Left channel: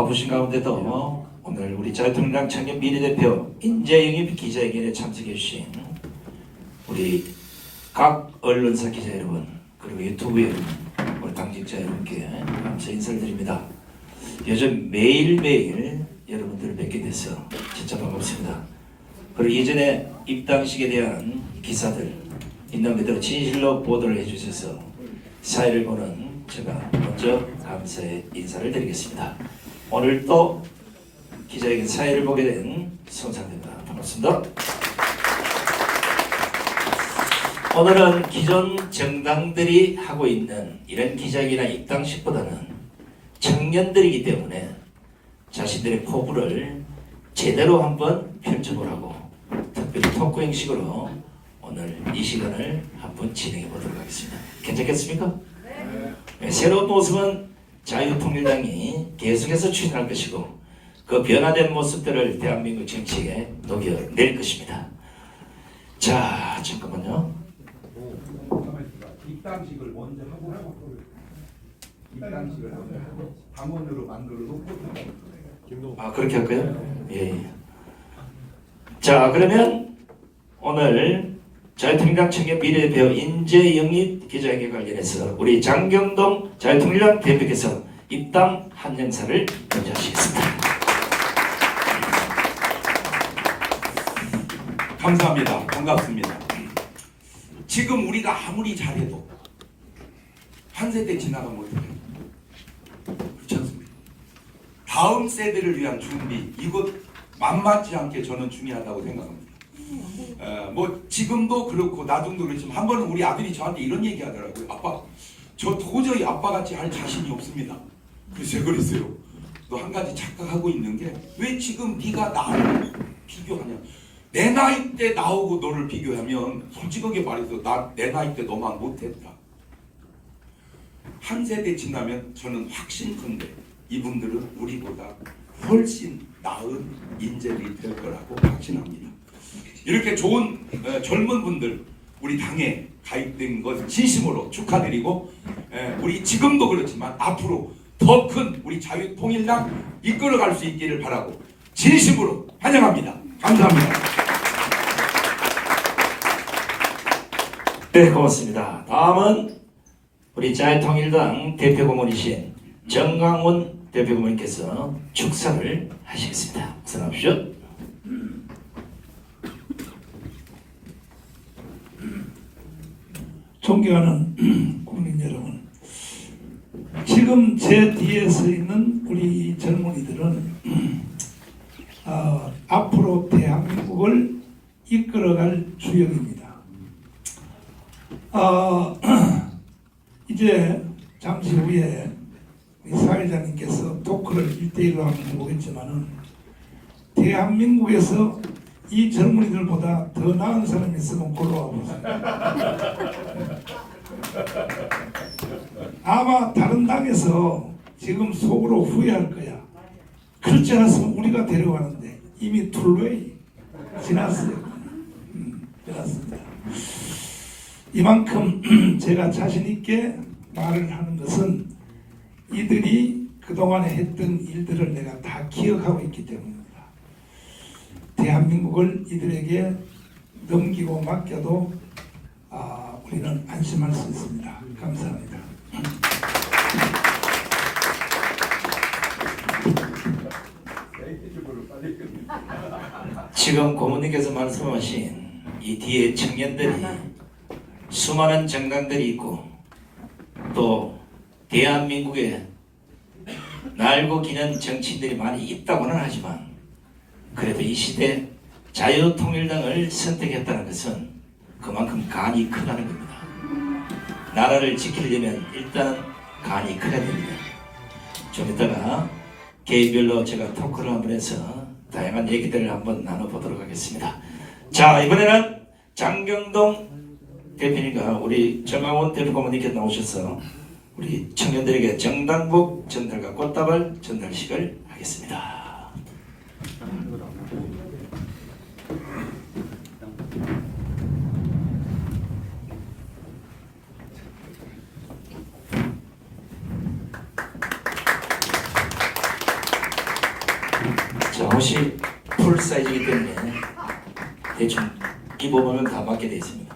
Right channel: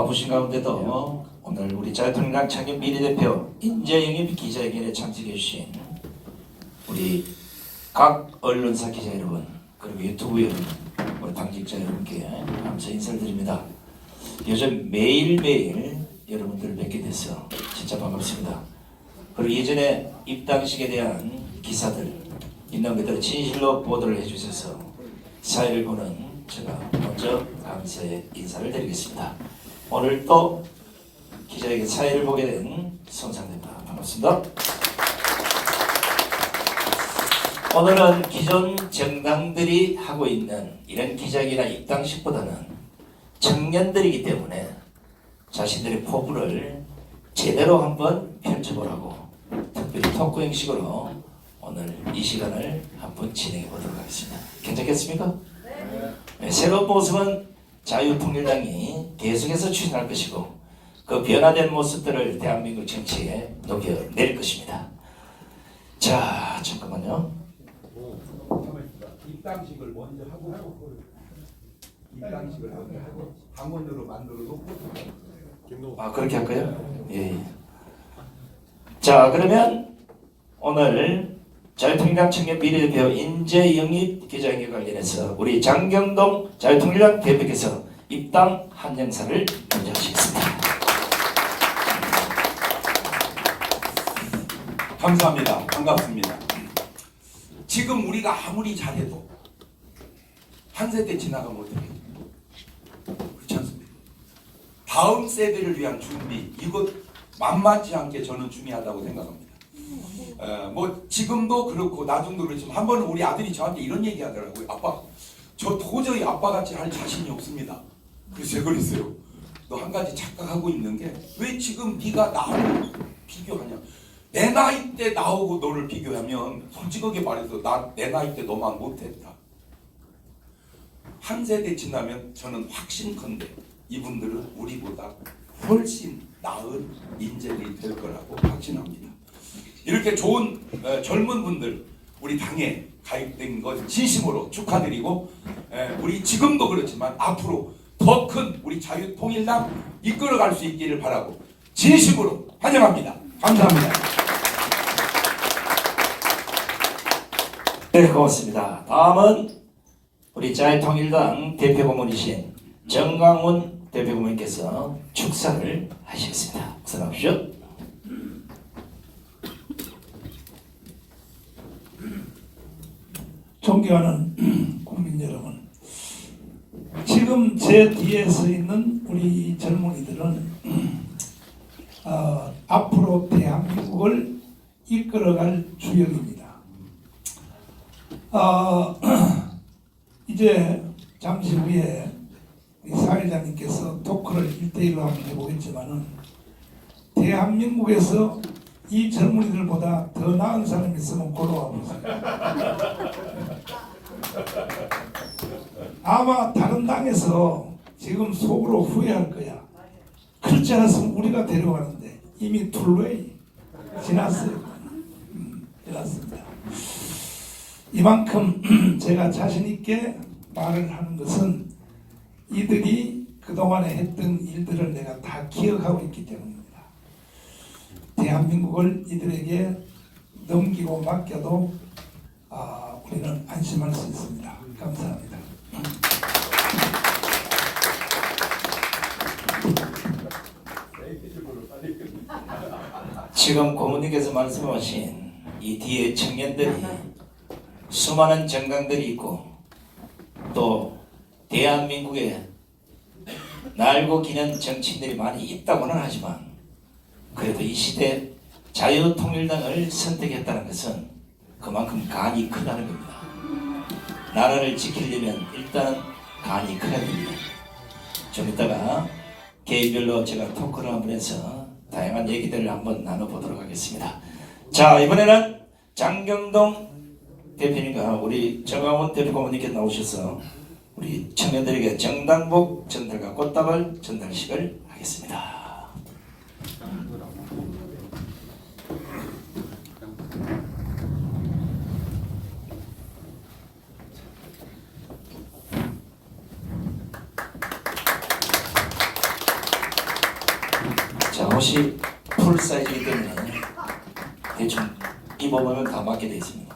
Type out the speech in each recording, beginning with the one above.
바쁘신 가운데도 오늘 우리 자유통일당 청년 비례대표 인재영입 기자회견에 참석해 주신 우리 각 언론사 기자 여러분 그리고 유튜브 여러분 우리 당직자 여러분께 감사 인사를 드립니다. 요즘 매일매일 여러분들을 뵙게 돼서 진짜 반갑습니다. 그리고 예전에 입당식에 대한 기사들 있는 그대로 진실로 보도를 해주셔서 사회를 보는 제가 먼저 감사의 인사를 드리겠습니다. 오늘 또 기자에게 사회를 보게 된 손상입니다. 반갑습니다. 오늘은 기존 정당들이 하고 있는 이런 기자회견이나 입당식보다는 청년들이기 때문에 자신들의 포부를 제대로 한번 펼쳐보라고 특별히 토크 형식으로 오늘 이 시간을 한번 진행해 보도록 하겠습니다. 괜찮겠습니까? 네. 새로운 모습은 자유통일당이 계속해서 추진할 것이고 그 변화된 모습들을 대한민국 정치에 녹여낼 것입니다. 자, 잠깐만요. 입당식을 먼저 하고 입당식을 먼저 하고 당원으로 만들어 놓고 그렇게 할까요? 예. 자, 그러면 오늘 자유통일당 청년 비례대표 인재 영입 기자회견 관련해서 우리 장경동 자유통일당 대표께서 입당 한영사를 먼저 하시겠습니다. 감사합니다. 반갑습니다. 지금 우리가 아무리 잘해도 한 세대 지나가면 어떡해요? 그렇지 않습니까? 다음 세대를 위한 준비 이것 만만치 않게 저는 중요하다고 생각합니다. 뭐 지금도 그렇고 나중도 그렇지만 한 번은 우리 아들이 저한테 이런 얘기 하더라고요. 아빠, 저 도저히 아빠같이 할 자신이 없습니다. 그래서 제가 그랬어요. 너 한 가지 착각하고 있는 게 왜 지금 네가 나를 비교하냐. 내 나이 때 나오고 너를 비교하면 솔직하게 말해서 내 나이 때 너만 못했다. 한 세대 지나면 저는 확신컨대 이분들은 우리보다 훨씬 나은 인재들이 될 거라고 확신합니다. 이렇게 좋은 젊은 분들 우리 당에 가입된 것 진심으로 축하드리고 우리 지금도 그렇지만 앞으로 더 큰 우리 자유통일당 이끌어갈 수 있기를 바라고 진심으로 환영합니다. 감사합니다. 네, 고맙습니다. 다음은 우리 자유통일당 대표 고문이신 정강훈 대표 고문님께서 축사를 하시겠습니다. 수고하십시오. 존경하는 국민 여러분, 지금 제 뒤에 서 있는 우리 젊은이들은 앞으로 대한민국을 이끌어갈 주역입니다. 이제 잠시 후에 사회자님께서 토크를 1대1로 한번 해보겠지만은 대한민국에서 이 젊은이들보다 더 나은 사람이 있으면 골라와 보세요. 아마 다른 당에서 지금 속으로 후회할 거야. 그렇지 않았으면 우리가 데려가는데 이미 툴웨이 지났어요. 지났습니다. 이만큼 제가 자신 있게 말을 하는 것은 이들이 그동안에 했던 일들을 내가 다 기억하고 있기 때문입니다. 대한민국을 이들에게 넘기고 맡겨도 우리는 안심할 수 있습니다. 감사합니다. 지금 고문님께서 말씀하신 이 뒤에 청년들이 수많은 정당들이 있고 또 대한민국에 날고 기는 정치인들이 많이 있다고는 하지만 그래도 이 시대 자유통일당을 선택했다는 것은 그만큼 간이 크다는 겁니다. 나라를 지키려면 일단은 간이 커야 됩니다. 좀 이따가 개인별로 제가 토크를 한번 해서 다양한 얘기들을 한번 나눠보도록 하겠습니다. 자, 이번에는 장경동 대표님과 우리 정강훈 대표 고문님께서 나오셔서 우리 청년들에게 정당복 전달과 꽃다발 전달식을 하겠습니다. 옷이 풀 사이즈이기 때문에 대충 입어보면 다 맞게 되어 있습니다.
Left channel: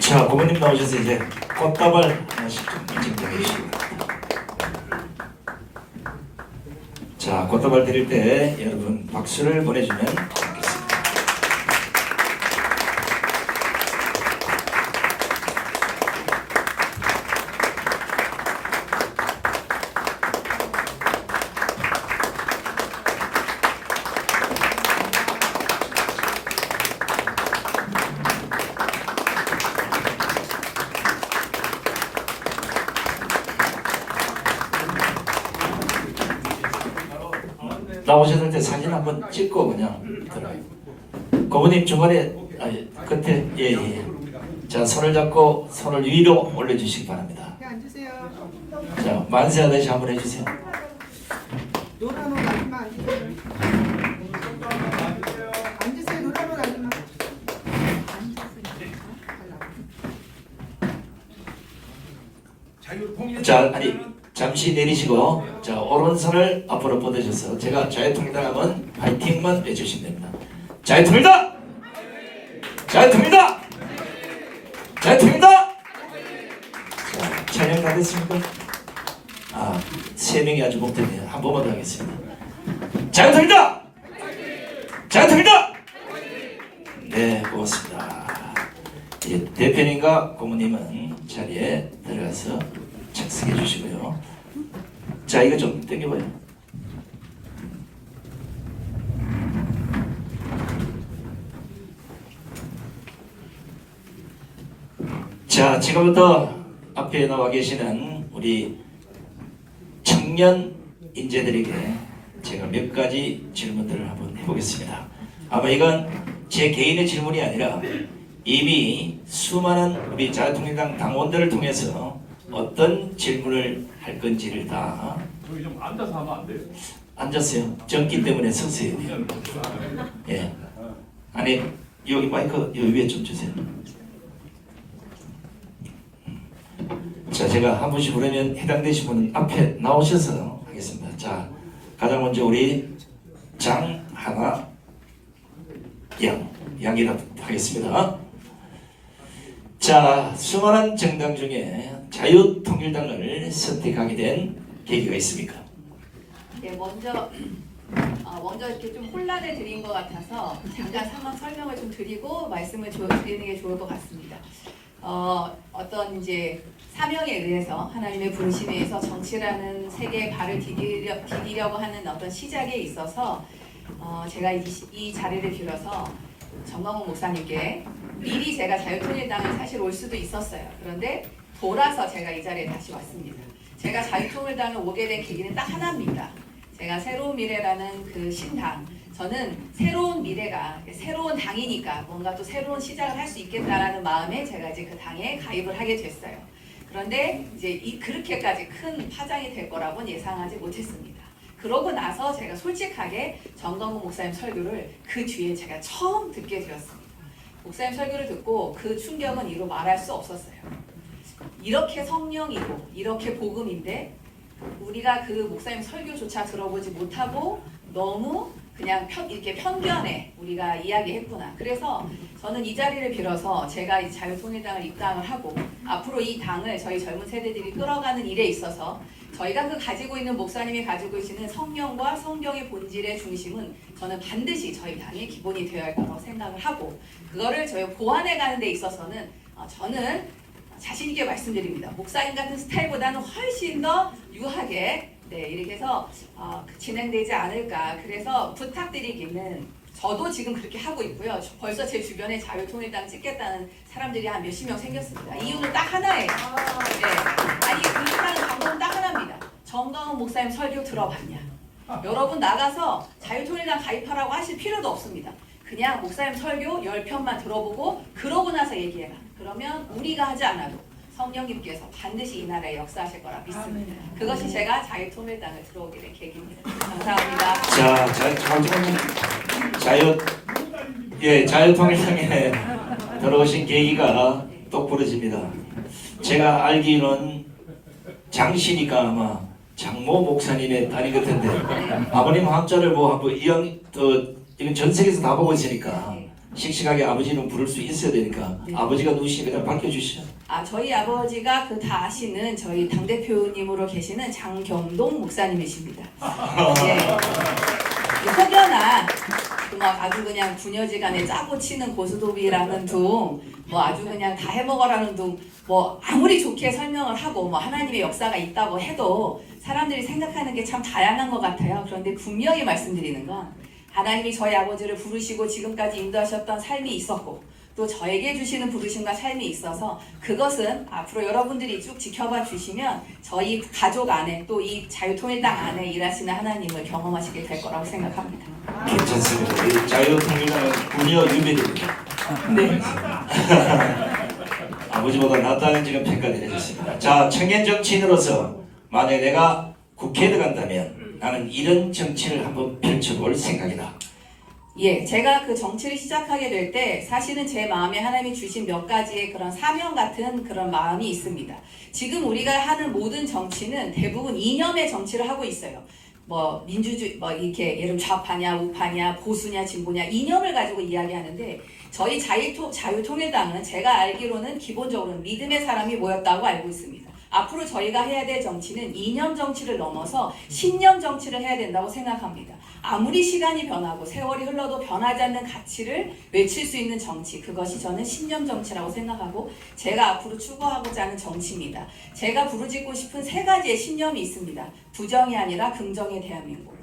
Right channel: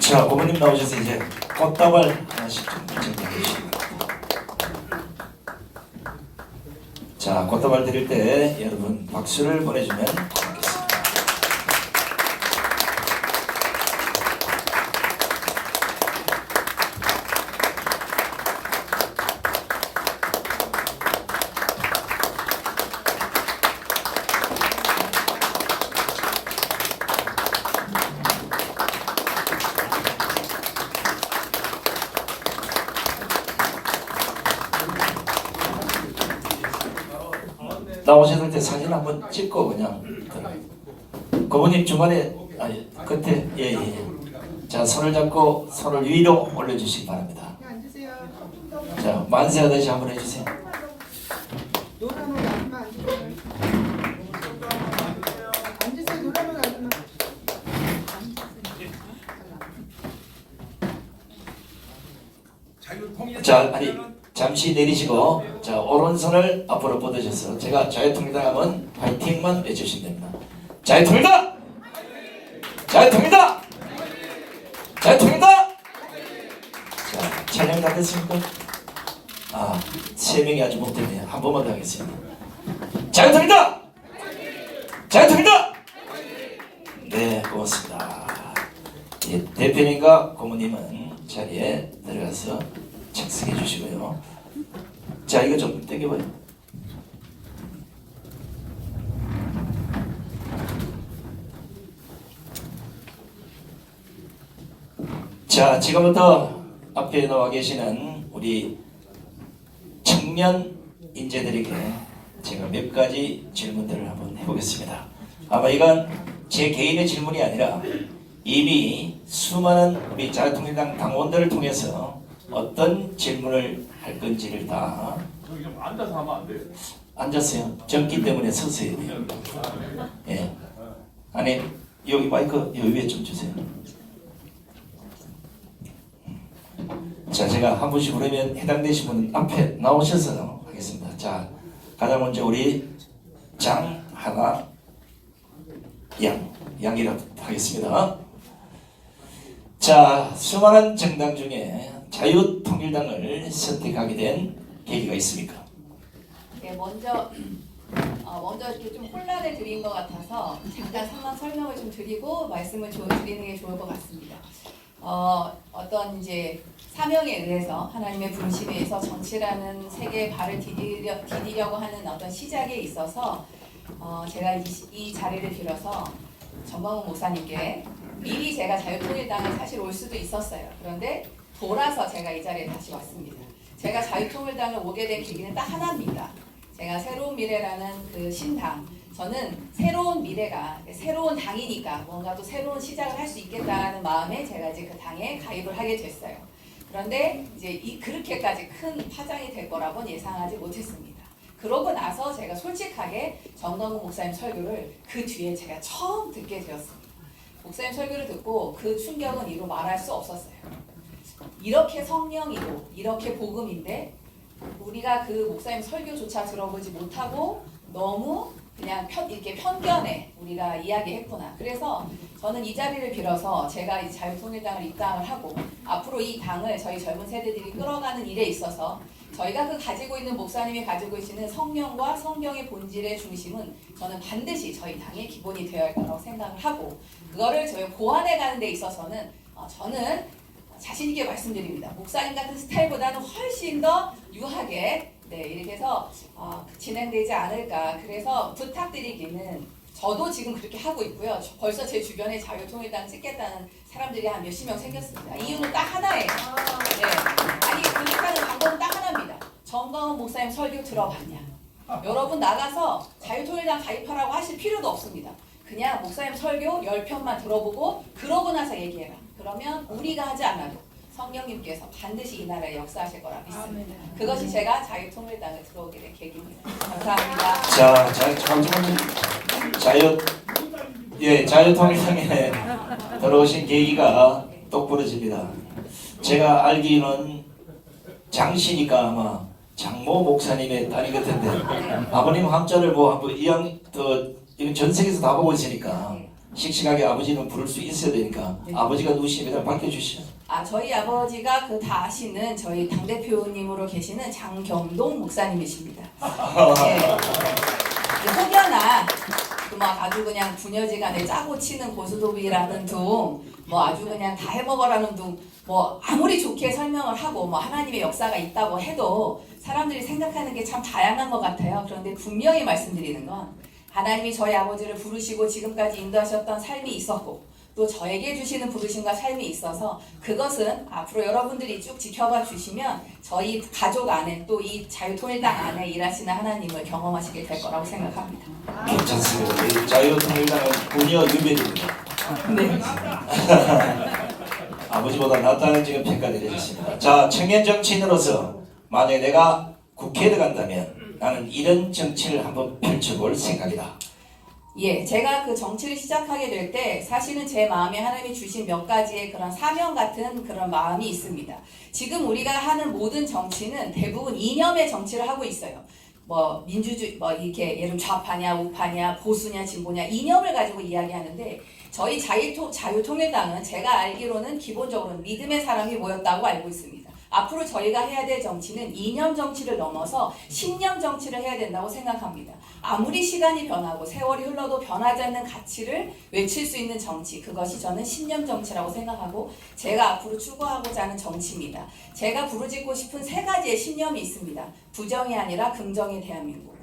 자, 고모님 나오셔서 이제 꽃다발 하나씩 좀 인증해 주시기 바랍니다. 자, 꽃다발 드릴 때 여러분 박수를 보내주면 고맙겠습니다. 나오셨을 때 사진 한번 찍고 그냥 고모님 중간에 아니 끝에 예예. 자, 손을 잡고 손을 위로 올려주시기 바랍니다. 앉으세요. 자, 만세하듯이 한번 해주세요. 노란 옷 아줌마 앉으세요. 앉으세요. 노란 옷 아줌마. 자, 아니 잠시 내리시고 자, 오른손을 앞으로 뻗으셔서 제가 자유통일당 하면 파이팅만 외쳐주시면 됩니다. 자유통일당! 자유통일당! 자유통일당! 자, 찬양 다 됐습니까? 아, 3명이 아주 목대네요. 한 번만 더 하겠습니다. 자유통일당! 자유통일당! 네, 고맙습니다. 예, 대표님과 고모님은 자리에 들어가서 착석해 주시고요. 자, 이거 좀 당겨봐요. 자, 지금부터 앞에 나와 계시는 우리 청년 인재들에게 제가 몇 가지 질문들을 한번 해보겠습니다. 아마 이건 제 개인의 질문이 아니라 이미 수많은 우리 자유통일당 당원들을 통해서 어떤 질문을 할 건지를 다 저기 좀 앉아서 하면 안 돼요? 앉았어요. 적기 때문에 서세요. 예. 아니 여기 마이크 여기 위에 좀 주세요. 자, 제가 한 분씩 부르면 해당되신 분 앞에 나오셔서 하겠습니다. 자, 가장 먼저 우리 장하나 양이라도 하겠습니다. 자, 수많은 정당 중에 자유통일당을 선택하게 된 계기가 있습니까? 네, 먼저 이렇게 좀 혼란을 드린 것 같아서 잠깐 상황 설명을 좀 드리고 말씀을 드리는 게 좋을 것 같습니다. 어떤 이제 사명에 의해서 하나님의 분심에 의해서 정치라는 세계에 발을 디디려고 하는 어떤 시작에 있어서 제가 이 자리를 빌어서 정광훈 목사님께 미리 제가 자유통일당을 사실 올 수도 있었어요. 그런데 돌아서 제가 이 자리에 다시 왔습니다. 제가 자유통일당을 오게 된 계기는 딱 하나입니다. 제가 새로운 미래라는 그 신당, 저는 새로운 미래가 새로운 당이니까 뭔가 또 새로운 시작을 할 수 있겠다라는 마음에 제가 이제 그 당에 가입을 하게 됐어요. 그런데 이제 그렇게까지 큰 파장이 될 거라고는 예상하지 못했습니다. 그러고 나서 제가 솔직하게 정광훈 목사님 설교를 그 뒤에 제가 처음 듣게 되었습니다. 목사님 설교를 듣고 그 충격은 이루 말할 수 없었어요. 이렇게 성령이고 이렇게 복음인데 우리가 그 목사님 설교조차 들어보지 못하고 너무 그냥 이렇게 편견에 우리가 이야기했구나. 그래서 저는 이 자리를 빌어서 제가 이 자유통일당을 입당을 하고 앞으로 이 당을 저희 젊은 세대들이 끌어가는 일에 있어서 저희가 그 가지고 있는 목사님이 가지고 계시는 성령과 성경의 본질의 중심은 저는 반드시 저희 당의 기본이 되어야 할 거라고 생각을 하고 그거를 저희 보완해 가는 데 있어서는 저는 자신 있게 말씀드립니다. 목사님 같은 스타일보다는 훨씬 더 유하게 이렇게 해서 진행되지 않을까. 그래서 부탁드리기는 저도 지금 그렇게 하고 있고요. 벌써 제 주변에 자유통일당 찍겠다는 사람들이 한 몇십 명 생겼습니다. 이유는 딱 하나예요. 네. 아니 그렇게 하는 방법은 딱 하나입니다. 정광훈 목사님 설교 들어봤냐? 여러분 나가서 자유통일당 가입하라고 하실 필요도 없습니다. 그냥 목사님 설교 10편만 들어보고 그러고 나서 얘기해라. 그러면 우리가 하지 않아도 성령님께서 반드시 이 나라에 역사하실 거라 믿습니다. 그것이 제가 자유통일당을 들어오게 된 계기입니다. 감사합니다. 자, 자유통일당에 들어오신 계기가 똑부러집니다. 제가 알기로는 장씨니까 아마 장모 목사님의 딸인 것 같은데 아버님 함자를 뭐 한번 이건 전 세계에서 다 보고 있으니까 씩씩하게 아버지는 부를 수 있어야 되니까 아버지가 누구신지 그냥 밝혀주시죠. 저희 아버지가 그 다 아시는 저희 당대표님으로 계시는 장경동 목사님이십니다. 예. 혹여나 막 아주 그냥 부녀지간에 짜고 치는 고스톱이라는 둥, 뭐 아주 그냥 다 해먹어라는 둥, 뭐 아무리 좋게 설명을 하고 뭐 하나님의 역사가 있다고 해도 사람들이 생각하는 게 참 다양한 것 같아요. 그런데 분명히 말씀드리는 건 하나님이 저희 아버지를 부르시고 지금까지 인도하셨던 삶이 있었고 또 저에게 주시는 부르심과 삶이 있어서 그것은 앞으로 여러분들이 쭉 지켜봐 주시면 저희 가족 안에 또 이 자유통일당 안에 일하시는 하나님을 경험하시게 될 거라고 생각합니다. 괜찮습니다. 이 자유통일당은 부녀 유배입니다. 네. 아버지보다 낫다는 지금 평가 내려졌습니다. 자, 청년 정치인으로서 만약에 내가 국회에 들어간다면 나는 이런 정치를 한번 펼쳐볼 생각이다. 예, 제가 그 정치를 시작하게 될 때 사실은 제 마음에 하나님이 주신 몇 가지의 그런 사명 같은 그런 마음이 있습니다. 지금 우리가 하는 모든 정치는 대부분 이념의 정치를 하고 있어요. 뭐 민주주의, 뭐 이렇게 예를 들면 좌파냐, 우파냐, 보수냐, 진보냐 이념을 가지고 이야기하는데 저희 자유통일당은 제가 알기로는 기본적으로는 믿음의 사람이 모였다고 알고 있습니다. 앞으로 저희가 해야 될 정치는 이념 정치를 넘어서 신념 정치를 해야 된다고 생각합니다. 아무리 시간이 변하고 세월이 흘러도 변하지 않는 가치를 외칠 수 있는 정치, 그것이 저는 신념 정치라고 생각하고 제가 앞으로 추구하고자 하는 정치입니다. 제가 부르짖고 싶은 3가지의 신념이 있습니다. 부정이 아니라 긍정의 대한민국,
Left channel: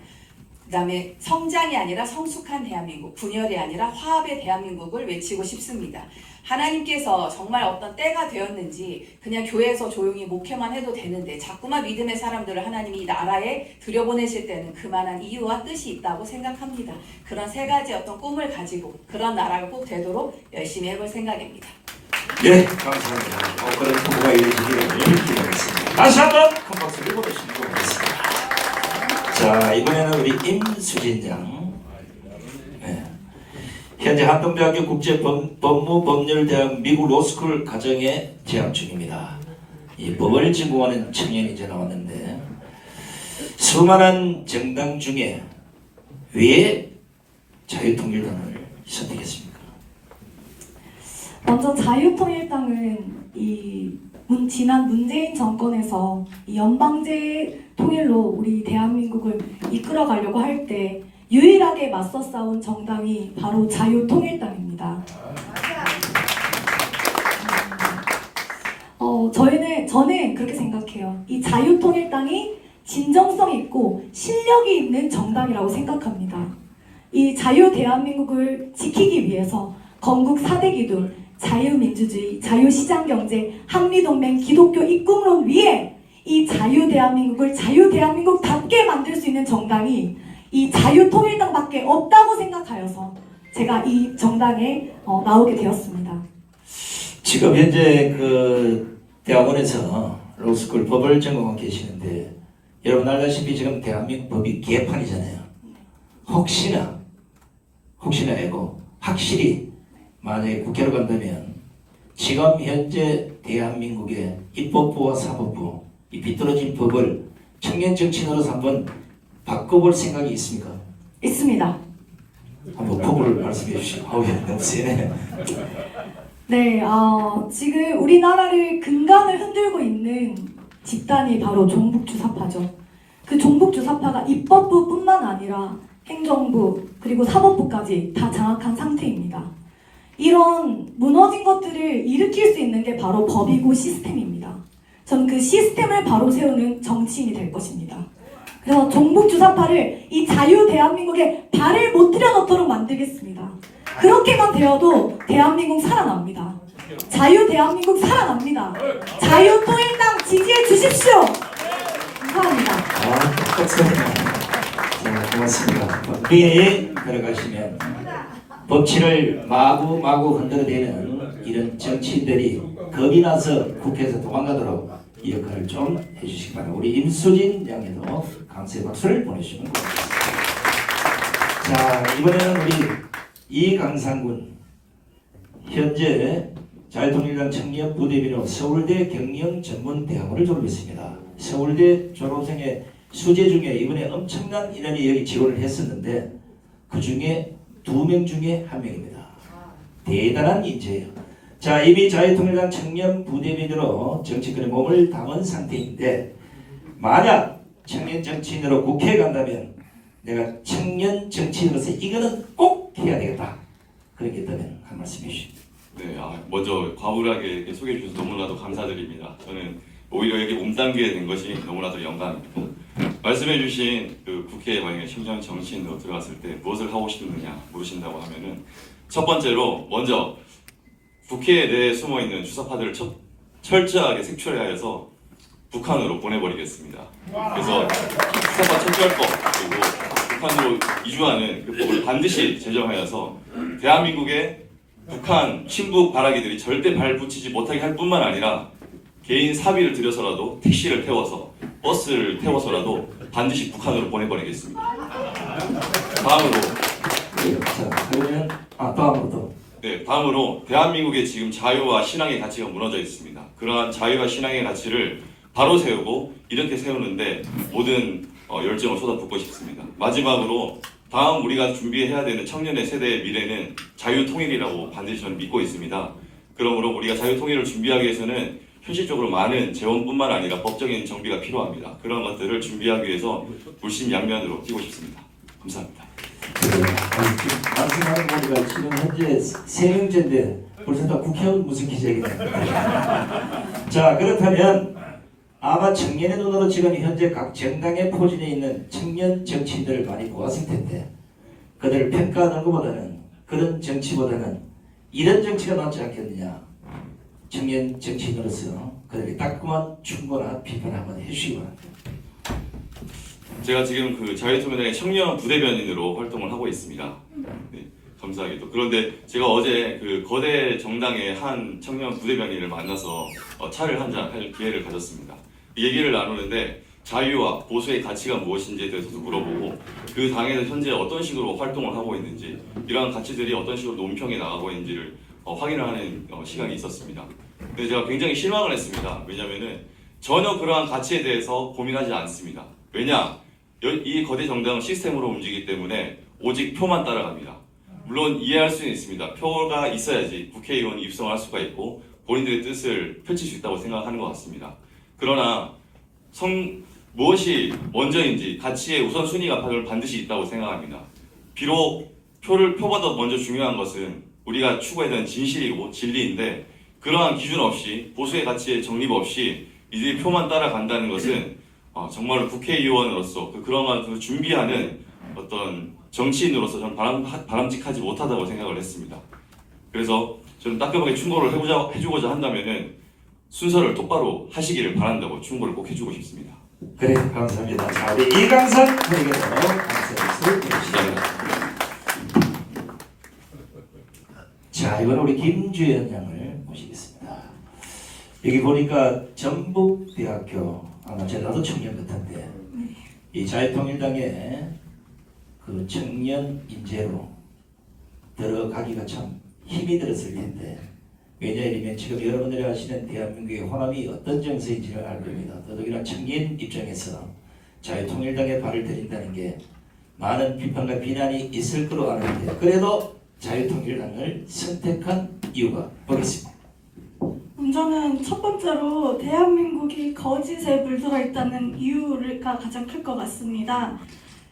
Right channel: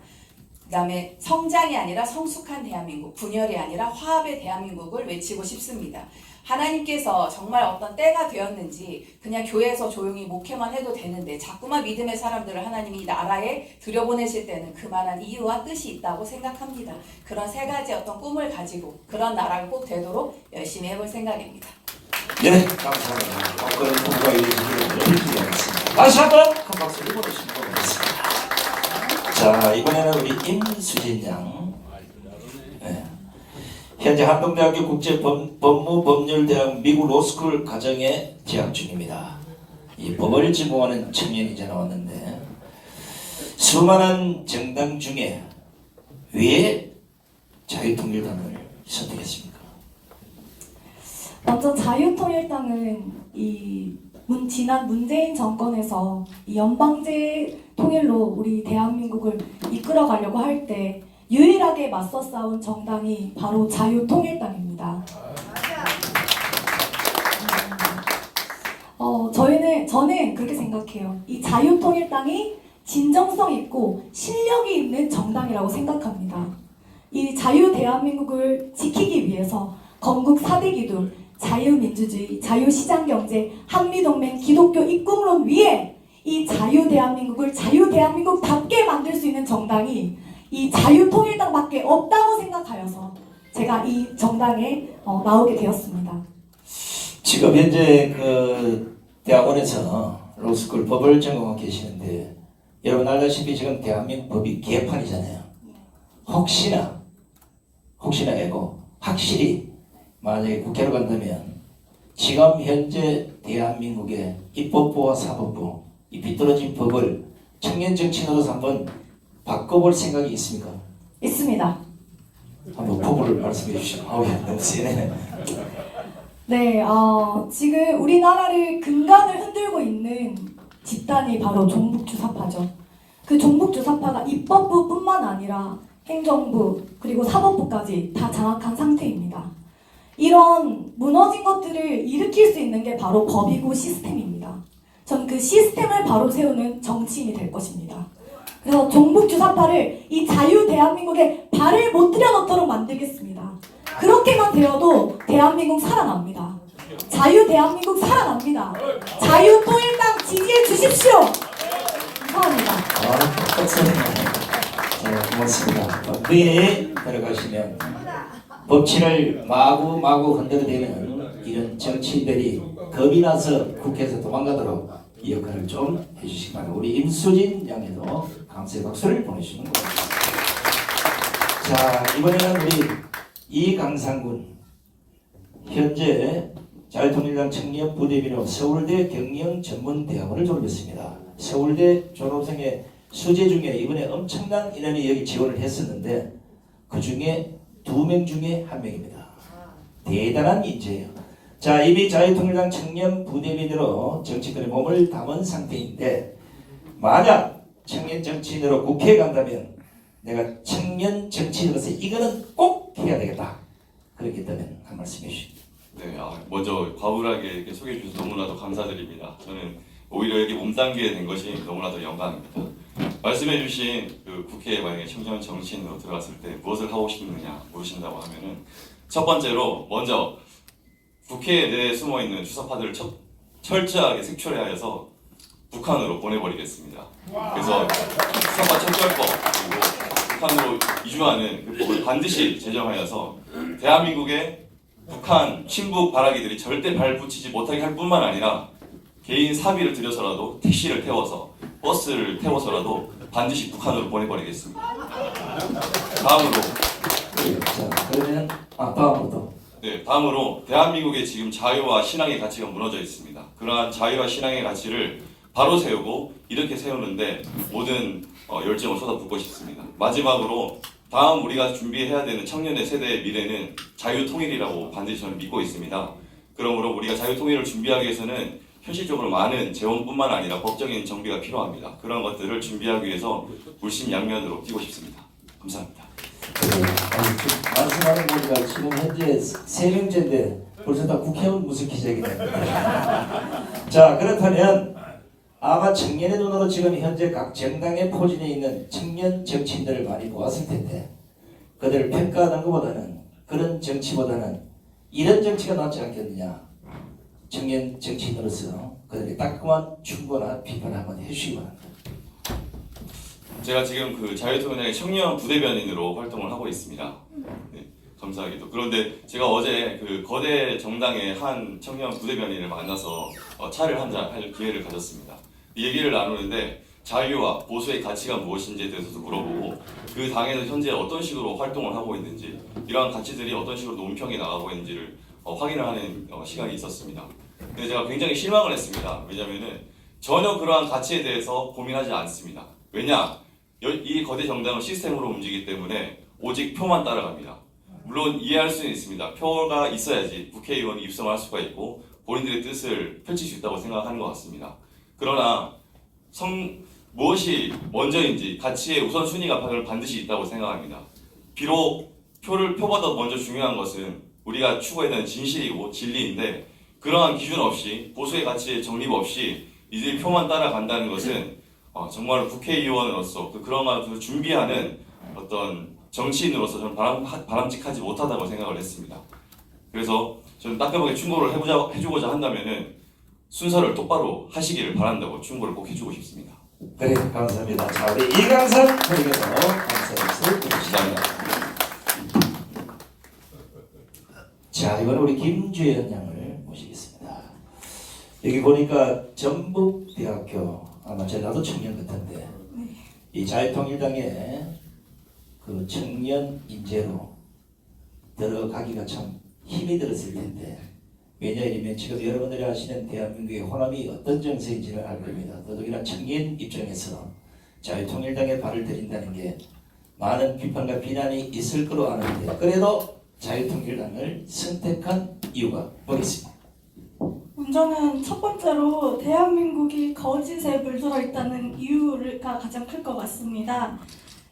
그 다음에 성장이 아니라 성숙한 대한민국, 분열이 아니라 화합의 대한민국을 외치고 싶습니다. 하나님께서 정말 어떤 때가 되었는지 그냥 교회에서 조용히 목회만 해도 되는데 자꾸만 믿음의 사람들을 하나님이 이 나라에 들여보내실 때는 그만한 이유와 뜻이 있다고 생각합니다. 그런 3가지 어떤 꿈을 가지고 그런 나라가 꼭 되도록 열심히 해볼 생각입니다. 네, 감사합니다. 그런 부부가 이루어지기를 기대하겠습니다. 다시 한번 큰 박수를 보내주시면 고맙습니다. 자, 이번에는 우리 임수진 양. 네. 현재 한동대학교 국제법무법률대학 미국 로스쿨 과정에 재학 중입니다. 이 법을 전공하는 청년이 이제 나왔는데 수많은 정당 중에 왜 자유통일당을 선택했습니까? 먼저 자유통일당은 지난 문재인 정권에서 이 연방제 통일로 우리 대한민국을 이끌어가려고 할 때 유일하게 맞서 싸운 정당이 바로 자유통일당입니다. 저는 그렇게 생각해요. 이 자유통일당이 진정성 있고 실력이 있는 정당이라고 생각합니다. 이 자유 대한민국을 지키기 위해서 건국 4대 기둥, 자유민주주의, 자유시장경제, 한미동맹, 기독교 입국론 위에 이 자유대한민국을 자유대한민국답게 만들 수 있는 정당이 이 자유통일당밖에 없다고 생각하여서 제가 이 정당에 나오게 되었습니다. 지금 현재 그 대학원에서 로스쿨 법을 전공하고 계시는데 여러분 알다시피 지금 대한민국 법이 개판이잖아요. 혹시나 알고 확실히 만약에 국회로 간다면 지금 현재 대한민국의 입법부와 사법부 이 비뚤어진 법을 청년 정치인으로서 한번 바꿔볼 생각이 있습니까? 있습니다. 한번 법을 말씀해 주시고. 아우, 너무 세네. 네, 지금 우리나라를 근간을 흔들고 있는 집단이 바로 종북주사파죠. 그 종북주사파가 입법부뿐만 아니라 행정부 그리고 사법부까지 다 장악한 상태입니다. 이런 무너진 것들을 일으킬 수 있는 게 바로 법이고 시스템입니다. 저는 그 시스템을 바로 세우는 정치인이 될 것입니다. 그래서 종북주사파를 이 자유 대한민국에 발을 못 들여놓도록 만들겠습니다. 그렇게만 되어도 대한민국 살아납니다. 자유 대한민국 살아납니다. 자유통일당 지지해 주십시오. 감사합니다. 자, 고맙습니다. 법에 들어가시면 법치를 마구마구 흔들어대는 이런 정치인들이 겁이 나서 국회에서 도망가도록 이 역할을 좀 해주시기 바랍니다. 우리 임수진 양에도 감사의 박수를 보내주시면 고맙겠습니다. 자, 이번에는 우리 이강상군 현재 자유통일당 청년 부대비로 서울대 경영전문대학원을 졸업했습니다. 서울대 졸업생의 수재 중에 이번에 엄청난 인원이 여기 지원을 했었는데 그 중에 2명 중에 1명입니다. 대단한 인재예요. 자, 이미 자유통일당 청년 부대비로 정치권에 몸을 담은 상태인데 만약 청년 정치인으로 국회에 간다면 내가 청년 정치인으로서 이거는 꼭 해야 되겠다. 그렇게 있다면 한 말씀 해주십시오. 네, 먼저 과분하게 이렇게 소개해 주셔서 너무나도 감사드립니다. 저는 오히려 이렇게 몸담게 된 것이 너무나도 영광입니다. 말씀해 주신 그 국회에 만약에 청년 정치인으로 들어갔을 때 무엇을 하고 싶느냐 물으신다고 하면은 첫 번째로 먼저 국회 내에 숨어 있는 주사파들을 철저하게 색출해서 북한으로 보내버리겠습니다. 그래서 주사파 철저법 그리고 북한으로 이주하는 그 법을 반드시 제정하여서 대한민국의 북한 친북 발악이들이 절대 발 붙이지 못하게 할 뿐만 아니라 개인 사비를 들여서라도 택시를 태워서 버스를 태워서라도 반드시 북한으로 보내버리겠습니다. 다음으로 자, 그러면 다음으로 또. 네, 다음으로 대한민국의 지금 자유와 신앙의 가치가 무너져 있습니다. 그러한 자유와 신앙의 가치를 바로 세우고 이렇게 세우는데 모든 열정을 쏟아붓고 싶습니다. 마지막으로 다음 우리가 준비해야 되는 청년의 세대의 미래는 자유통일이라고 반드시 저는 믿고 있습니다. 그러므로 우리가 자유통일을 준비하기 위해서는 현실적으로 많은 재원뿐만 아니라 법적인 정비가 필요합니다. 그런 것들을 준비하기 위해서 물심양면으로 뛰고 싶습니다. 감사합니다. 말씀하는 거니까 지금 현재 3명째인데 벌써 다 국회의원 무슨 기자이네요. 자, 그렇다면 아마 청년의 눈으로 지금 현재 각 정당의 포진에 있는 청년 정치인들을 많이 보았을 텐데 그들을 평가하는 것보다는 그런 정치보다는 이런 정치가 낫지 않겠느냐. 청년 정치인으로서 그들의 따끔한 충고나 비판을 한번 해주시기 바랍니다. 제가 지금 그 자유통일당의 청년 부대변인으로 활동을 하고 있습니다. 네, 감사하게도. 그런데 제가 어제 그 거대 정당의 한 청년 부대변인을 만나서 차를 한잔 할 기회를 가졌습니다. 얘기를 나누는데 자유와 보수의 가치가 무엇인지에 대해서도 물어보고 그 당에서 현재 어떤 식으로 활동을 하고 있는지 이러한 가치들이 어떤 식으로 논평에 나가고 있는지를 확인을 하는 시간이 있었습니다. 근데 제가 굉장히 실망을 했습니다. 왜냐면은 전혀 그러한 가치에 대해서 고민하지 않습니다. 왜냐? 이 거대 정당은 시스템으로 움직이기 때문에 오직 표만 따라갑니다. 물론 이해할 수는 있습니다. 표가 있어야지 국회의원이 입성할 수가 있고 본인들의 뜻을 펼칠 수 있다고 생각하는 것 같습니다. 그러나 무엇이 먼저인지 가치의 우선순위가 반드시 있다고 생각합니다. 비록 표보다 먼저 중요한 것은 우리가 추구했던 진실이고 진리인데 그러한 기준 없이 보수의 가치의 정립 없이 이들이 표만 따라간다는 것은 정말 국회의원으로서 그러한 것을 준비하는 어떤 정치인으로서 저는 바람직하지 못하다고 생각을 했습니다. 그래서 저는 따끔하게 충고를 해주고자 한다면은 순서를 똑바로 하시기를 바란다고 충고를 꼭 해주고 싶습니다. 그래, 감사합니다. 자, 우리 이강선 의원도 감사를 드리겠습니다. 자, 이번 우리 김주현 양을 모시겠습니다. 여기 보니까 전북대학교 아마 나도 청년 같은데 이 자유통일당의 그 청년 인재로 들어가기가 참 힘이 들었을 텐데 왜냐하면 지금 여러분들이 아시는 대한민국의 호남이 어떤 정세인지를 알 겁니다. 더더욱이나 청년 입장에서 자유통일당에 발을 들인다는 게 많은 비판과 비난이 있을 거로 아는데 그래도 자유통일당을 선택한 이유가 뭐겠습니까? 저는 첫 번째로 대한민국이 거짓에 물들어 있다는 이유가 가장 클 것 같습니다.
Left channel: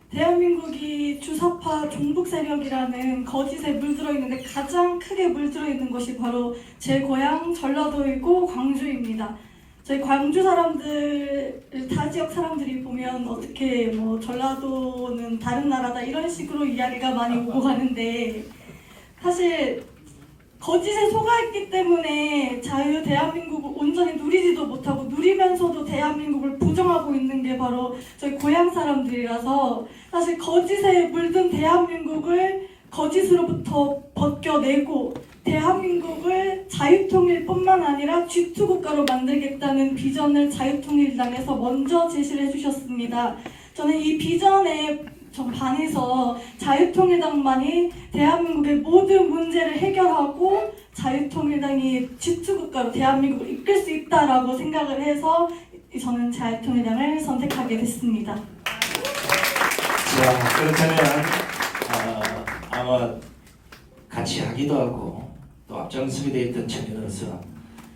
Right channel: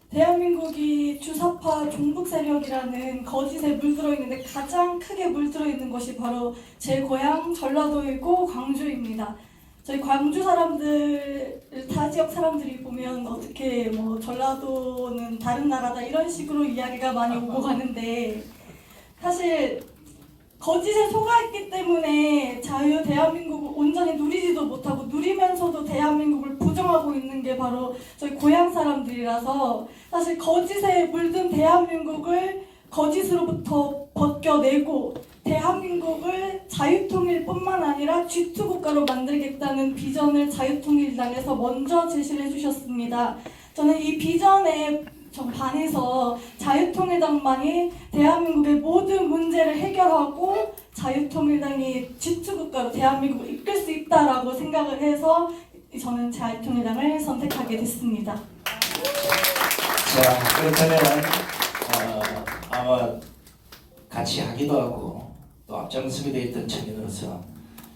대한민국이 주사파 종북 세력이라는 거짓에 물들어 있는데 가장 크게 물들어 있는 것이 바로 제 고향 전라도이고 광주입니다. 저희 광주 사람들, 타 지역 사람들이 보면 어떻게 뭐 전라도는 다른 나라다 이런 식으로 이야기가 많이 오고 가는데 사실 거짓에 속아있기 때문에 대한민국 온전히 누리지도 못하고 누리면서도 대한민국을 부정하고 있는 게 바로 저희 고향 사람들이라서 사실 거짓에 물든 대한민국을 거짓으로부터 벗겨내고 대한민국을 자유통일뿐만 아니라 G2 국가로 만들겠다는 비전을 자유통일당에서 먼저 제시를 해주셨습니다. 저는 이 비전에 좀 반해서 자유통일당만이 대한민국의 모든 문제를 해결하고 자유통일당이 G2 국가로 대한민국을 이끌 수 있다라고 생각을 해서 저는 자유통일당을 선택하게 됐습니다. 자, 그렇다면 아마 같이 하기도 하고 또 앞장서게 돼 있던 청년으로서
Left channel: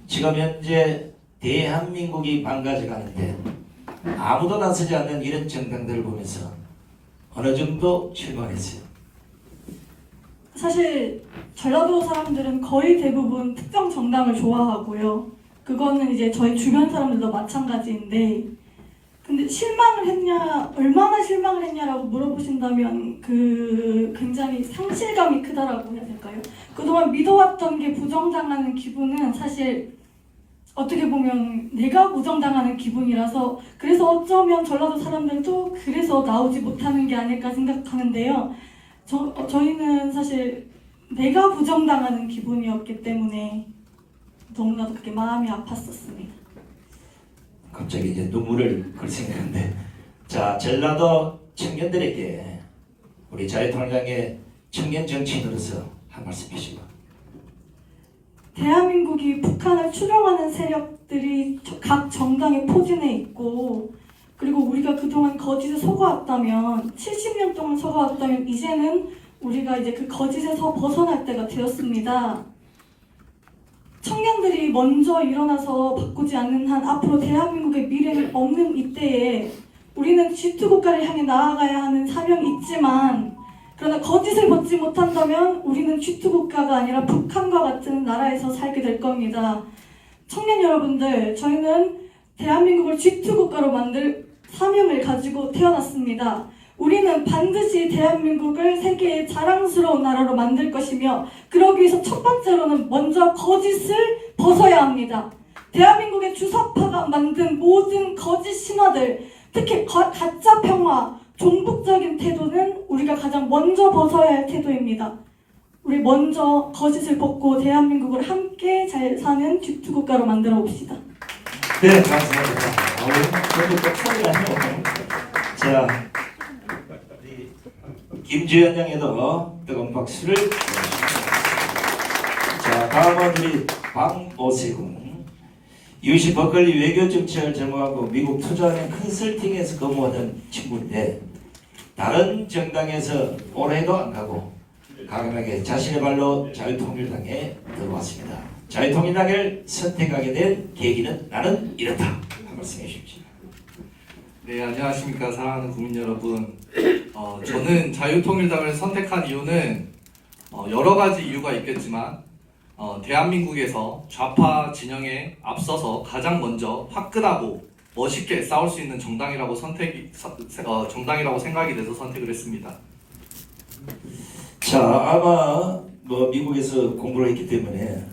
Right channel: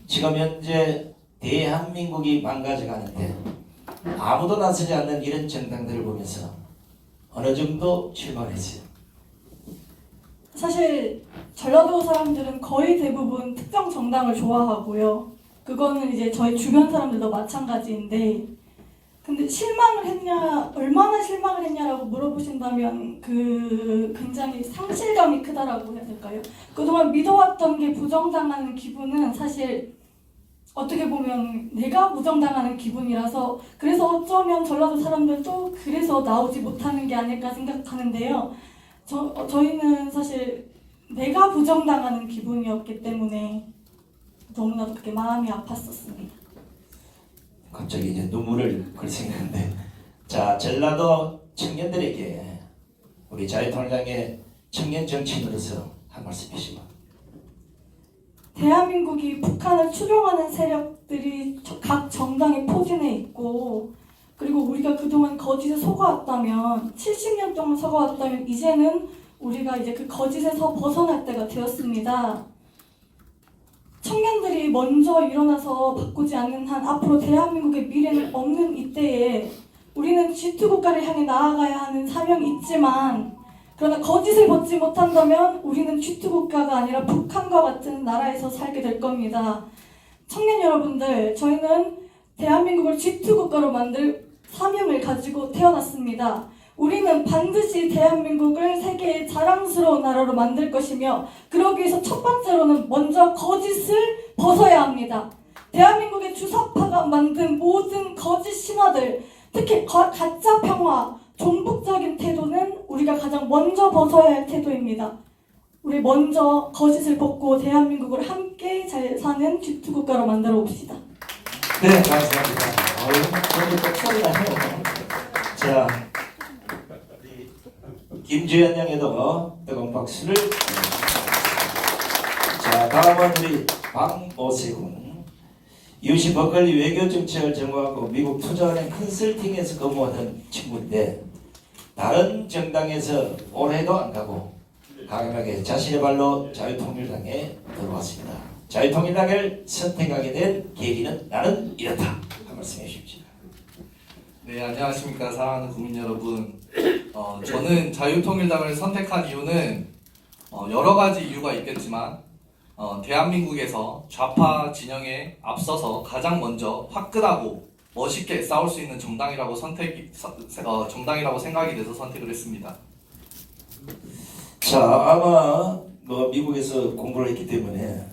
지금 현재 대한민국이 망가져 가는데 아무도 나서지 않는 이런 정당들을 보면서 어느 정도 실망했어요. 사실 전라도 사람들은 거의 대부분 특정 정당을 좋아하고요. 그거는 이제 저희 주변 사람들도 마찬가지인데, 근데 실망을 했냐, 얼마나 실망을 했냐라고 물어보신다면 굉장히 상실감이 크다라고 해야 될까요? 그동안 믿어왔던 게 부정당하는 기분은 사실 어떻게 보면 내가 부정당하는 기분이라서, 그래서 어쩌면 전라도 사람들도 그래서 나오지 못하는 게 아닐까 생각하는데요. 저희는 사실 내가 부정당하는 기분이었기 때문에 너무나도 그게 마음이 아팠었습니다. 갑자기 이제 눈물을 글썽이는데, 자, 전라도 청년들에게 우리 자유통일당의 청년 정치인으로서 한 말씀 해주시고. 대한민국이 북한을 추종하는 세력들이 각 정당에 포진해 있고, 그리고 우리가 그동안 거짓에 속아왔다면, 70년 동안 속아왔다면 이제는 우리가 이제 그 거짓에서 벗어날 때가 되었습니다. 청년들이 먼저 일어나서 바꾸지 않는 한 앞으로 대한민국의 미래는 없는 이때에 우리는 G2 국가를 향해 나아가야 하는 사명이 있지만, 그러나 거짓을 벗지 못한다면 우리는 G2 국가가 아니라 북한과 같은 나라에서 살게 될 겁니다. 청년 여러분들, 저희는 대한민국을 G2 국가로 만들 사명을 가지고 태어났습니다. 우리는 반드시 대한민국을 세계의 자랑스러운 나라로 만들 것이며, 그러기 위해서 첫 번째로는 먼저 거짓을 벗어야 합니다. 대한민국의 주사파가 만든 모든 거짓 신화들, 특히 가짜 평화, 종북적인 태도는 우리가 가장 먼저 벗어야 할 태도입니다. 우리 먼저 거짓을 벗고 대한민국을 함께 잘 사는 G2 국가로 만들어 봅시다. 네, 감사합니다. 저도 또 소리가 나요. 자, 김주현 양에도 뜨거운 박수를 보내주십시오. 자, 다음은 우리 박오세훈. UC 버클리 외교정책을 전공하고 미국 투자은행 컨설팅에서 근무하던 친구인데, 다른 정당에서 올해도 안 가고 강하게 자신의 발로 자유통일당에 들어왔습니다. 자유통일당을 선택하게 된 계기는 나는 이렇다. 한 말씀 해주십시오. 네, 안녕하십니까 사랑하는 국민 여러분. 저는 자유통일당을 선택한 이유는 여러 가지 이유가 있겠지만, 대한민국에서 좌파 진영에 앞서서 가장 먼저 화끈하고 멋있게 싸울 수 있는 정당이라고 생각이 돼서 선택을 했습니다. 자, 아마 미국에서 공부를 했기 때문에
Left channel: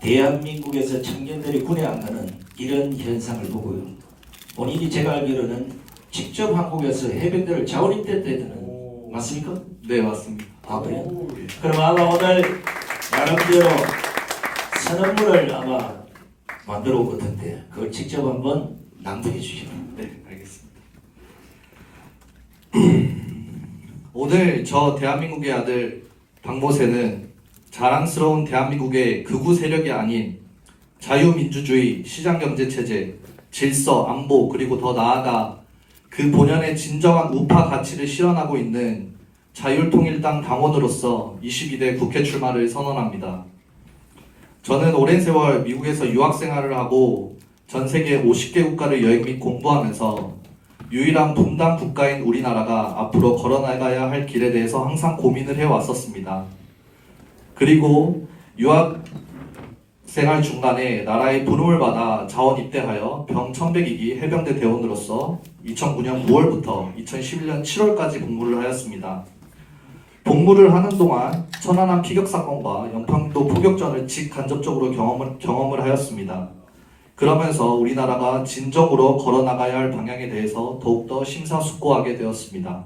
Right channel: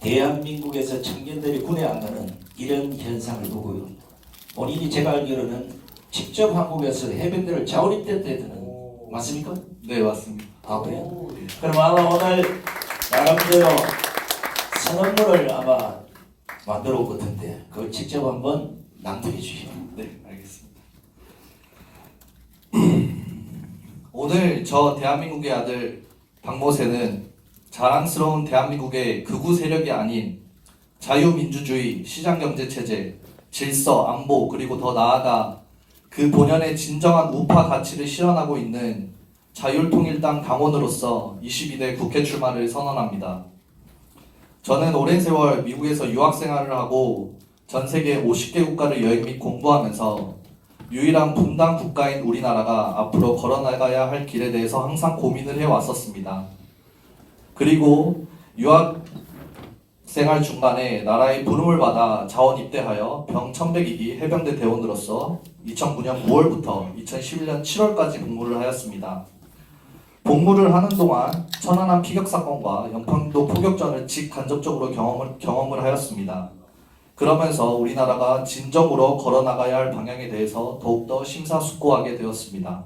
대한민국에서 청년들이 군에 안 가는 이런 현상을 보고요. 본인이 제가 알기로는 직접 한국에서 해병대를 자원입대했다는 맞습니까? 네, 맞습니다. 아, 그래요? 그럼 아마 오늘 나름대로 선언문을 아마 만들어 올 것 같은데 그걸 직접 한번 낭독해 주시죠. 네, 알겠습니다. 오늘 저 대한민국의 아들 박모세는 자랑스러운 대한민국의 극우 세력이 아닌 자유민주주의, 시장경제체제, 질서, 안보, 그리고 더 나아가 그 본연의 진정한 우파 가치를 실현하고 있는 자유통일당 당원으로서 22대 국회 출마를 선언합니다. 저는 오랜 세월 미국에서 유학생활을 하고 전 세계 50개 국가를 여행 및 공부하면서 유일한 분단 국가인 우리나라가 앞으로 걸어나가야 할 길에 대해서 항상 고민을 해왔었습니다. 그리고 유학생활 중간에 나라의 부름을 받아 자원 입대하여 병 1100기기 해병대 대원으로서 2009년 9월부터 2011년 7월까지 복무를 하였습니다. 복무를 하는 동안 천안함 피격 사건과 연평도 포격전을 직간접적으로 경험을 하였습니다. 그러면서 우리나라가 진정으로 걸어나가야 할 방향에 대해서 더욱더 심사숙고하게 되었습니다.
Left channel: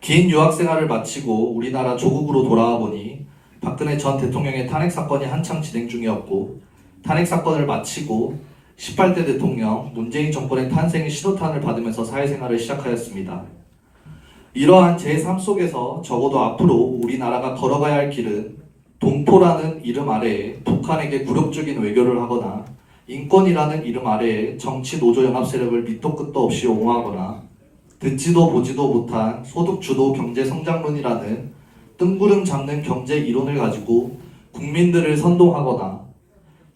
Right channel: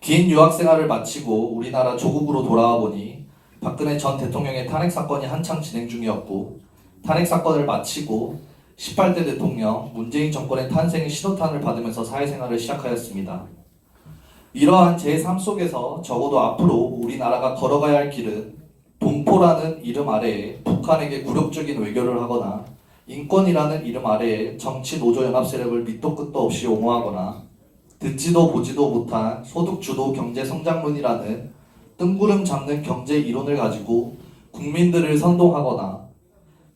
긴 유학 생활을 마치고 우리나라 조국으로 돌아와 보니 박근혜 전 대통령의 탄핵 사건이 한창 진행 중이었고, 탄핵 사건을 마치고 18대 대통령 문재인 정권의 탄생의 신호탄을 받으면서 사회생활을 시작하였습니다. 이러한 제 삶 속에서 적어도 앞으로 우리나라가 걸어가야 할 길은 동포라는 이름 아래에 북한에게 굴욕적인 외교를 하거나 인권이라는 이름 아래에 정치 노조 연합 세력을 밑도 끝도 없이 옹호하거나 듣지도 보지도 못한 소득주도 경제 성장론이라는 뜬구름 잡는 경제 이론을 가지고 국민들을 선동하거나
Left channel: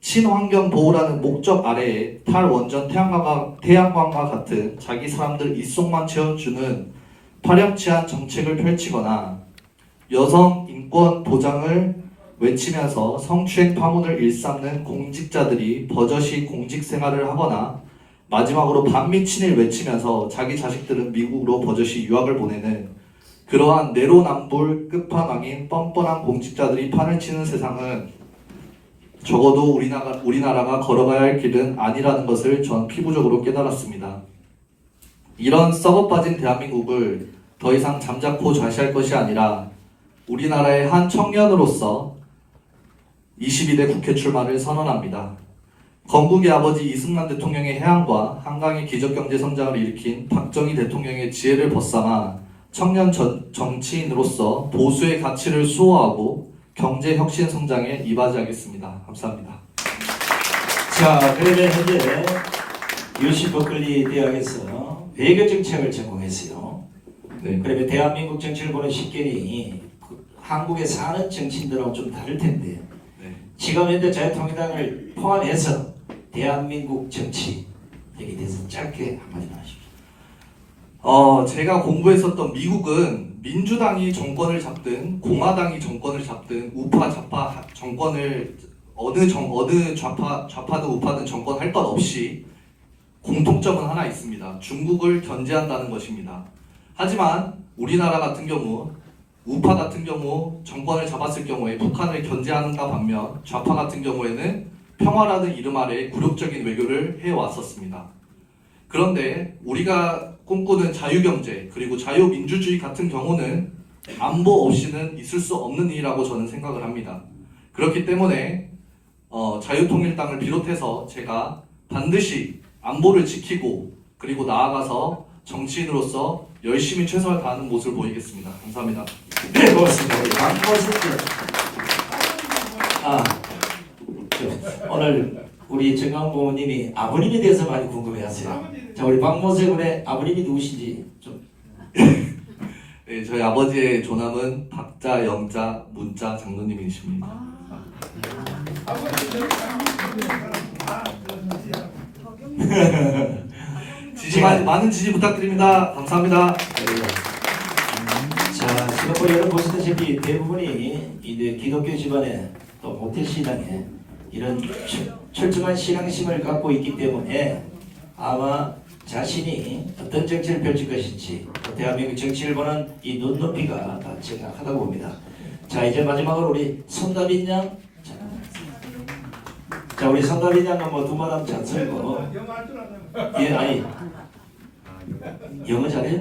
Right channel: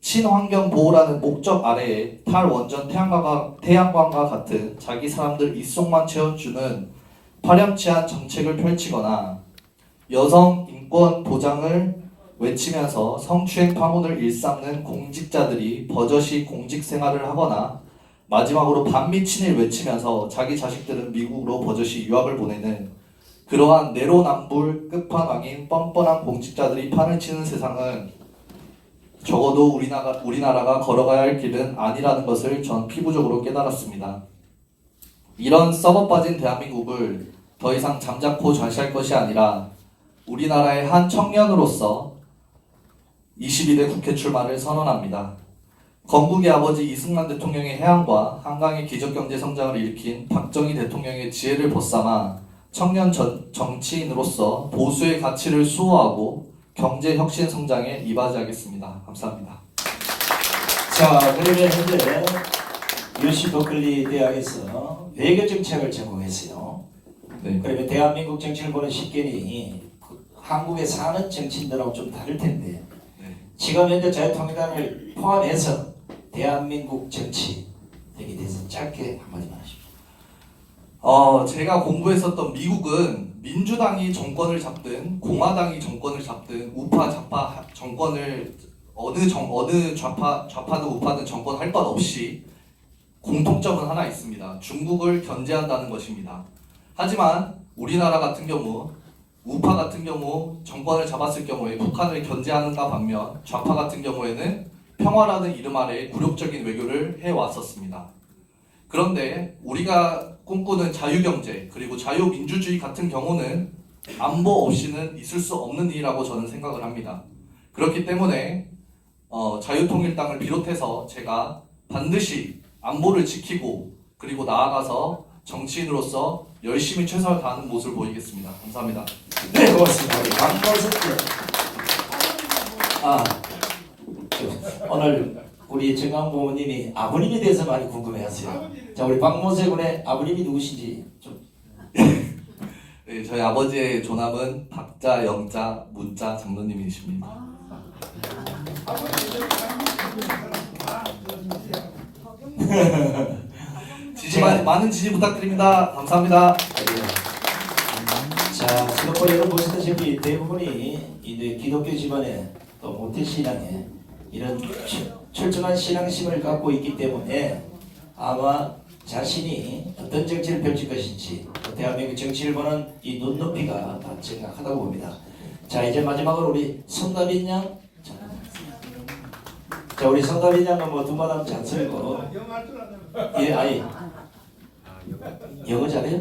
친환경 보호라는 목적 아래에 탈원전 태양광과 같은 자기 사람들 입속만 채워주는 파렴치한 정책을 펼치거나 여성 인권 보장을 외치면서 성추행 파문을 일삼는 공직자들이 버젓이 공직 생활을 하거나 마지막으로 반미친을 외치면서 자기 자식들은 미국으로 버젓이 유학을 보내는 그러한 내로남불 끝판왕인 뻔뻔한 공직자들이 판을 치는 세상은 적어도 우리나라가 걸어가야 할 길은 아니라는 것을 전 피부적으로 깨달았습니다. 이런 썩어 빠진 대한민국을 더 이상 잠자코 좌시할 것이 아니라 우리나라의 한 청년으로서 22대 국회 출마를 선언합니다. 건국의 아버지 이승만 대통령의 해안과 한강의 기적경제 성장을 일으킨 박정희 대통령의 지혜를 벗삼아 청년 정치인으로서 보수의 가치를 수호하고 경제 혁신 성장에 이바지하겠습니다. 감사합니다. 자, 그러면 현재 UC 버클리 대학에서 외교 정책을 전공했어요. 네. 그러면 대한민국 정치를 보는 식견이 한국에 사는 정치인들하고 좀 다를 텐데, 네. 지금 현재 자유통일당을 포함해서 대한민국 정치에 대해서 짧게 한마디만 하십시오. 제가 공부했었던 미국은 민주당이 정권을 잡든 공화당이 정권을 잡든 우파 좌파 정권을 어느 좌파든 우파든 정권 할 것 없이 공통점은 하나 있습니다. 중국을 견제한다는 것입니다. 하지만 우리나라 같은 경우 우파 같은 경우 정권을 잡았을 경우에 북한을 견제하는가 반면 좌파 같은 경우에는 평화라는 이름 아래 굴욕적인 외교를 해왔었습니다. 그런데 우리가 꿈꾸는 자유경제 그리고 자유민주주의 같은 경우는 안보 없이는 있을 수 없는 일이라고 저는 생각을 합니다. 그렇기 때문에 자유통일당을 비롯해서 제가 반드시 안보를 지키고 그리고 나아가서 정치인으로서 열심히 최선을 다하는 모습을 보이겠습니다. 감사합니다. 네, 고맙습니다. 우리 박모세 오늘 우리 정강 부모님이 아버님에 대해서 많이 궁금해하세요. 자, 우리 박모세 군의 아버님이 누구신지 좀. 네, 저희 아버지의 조남은 박자, 영자, 문자 장로님이십니다. 많은 지지 부탁드립니다. 감사합니다. 자, 지금 여러분 보시다시피 대부분이 이제 기독교 집안에 또 모태 신앙에 이런 철저한 신앙심을 갖고 있기 때문에 아마 자신이 어떤 정치를 펼칠 것인지 대한민국 정치를 보는 이 눈높이가 다 정확하다고 봅니다. 자, 이제 마지막으로 우리 손다빈 양. 자, 우리 손다빈 양은 뭐 두 말하면 잘 쓰고. 예, 아니 영어 잘해요?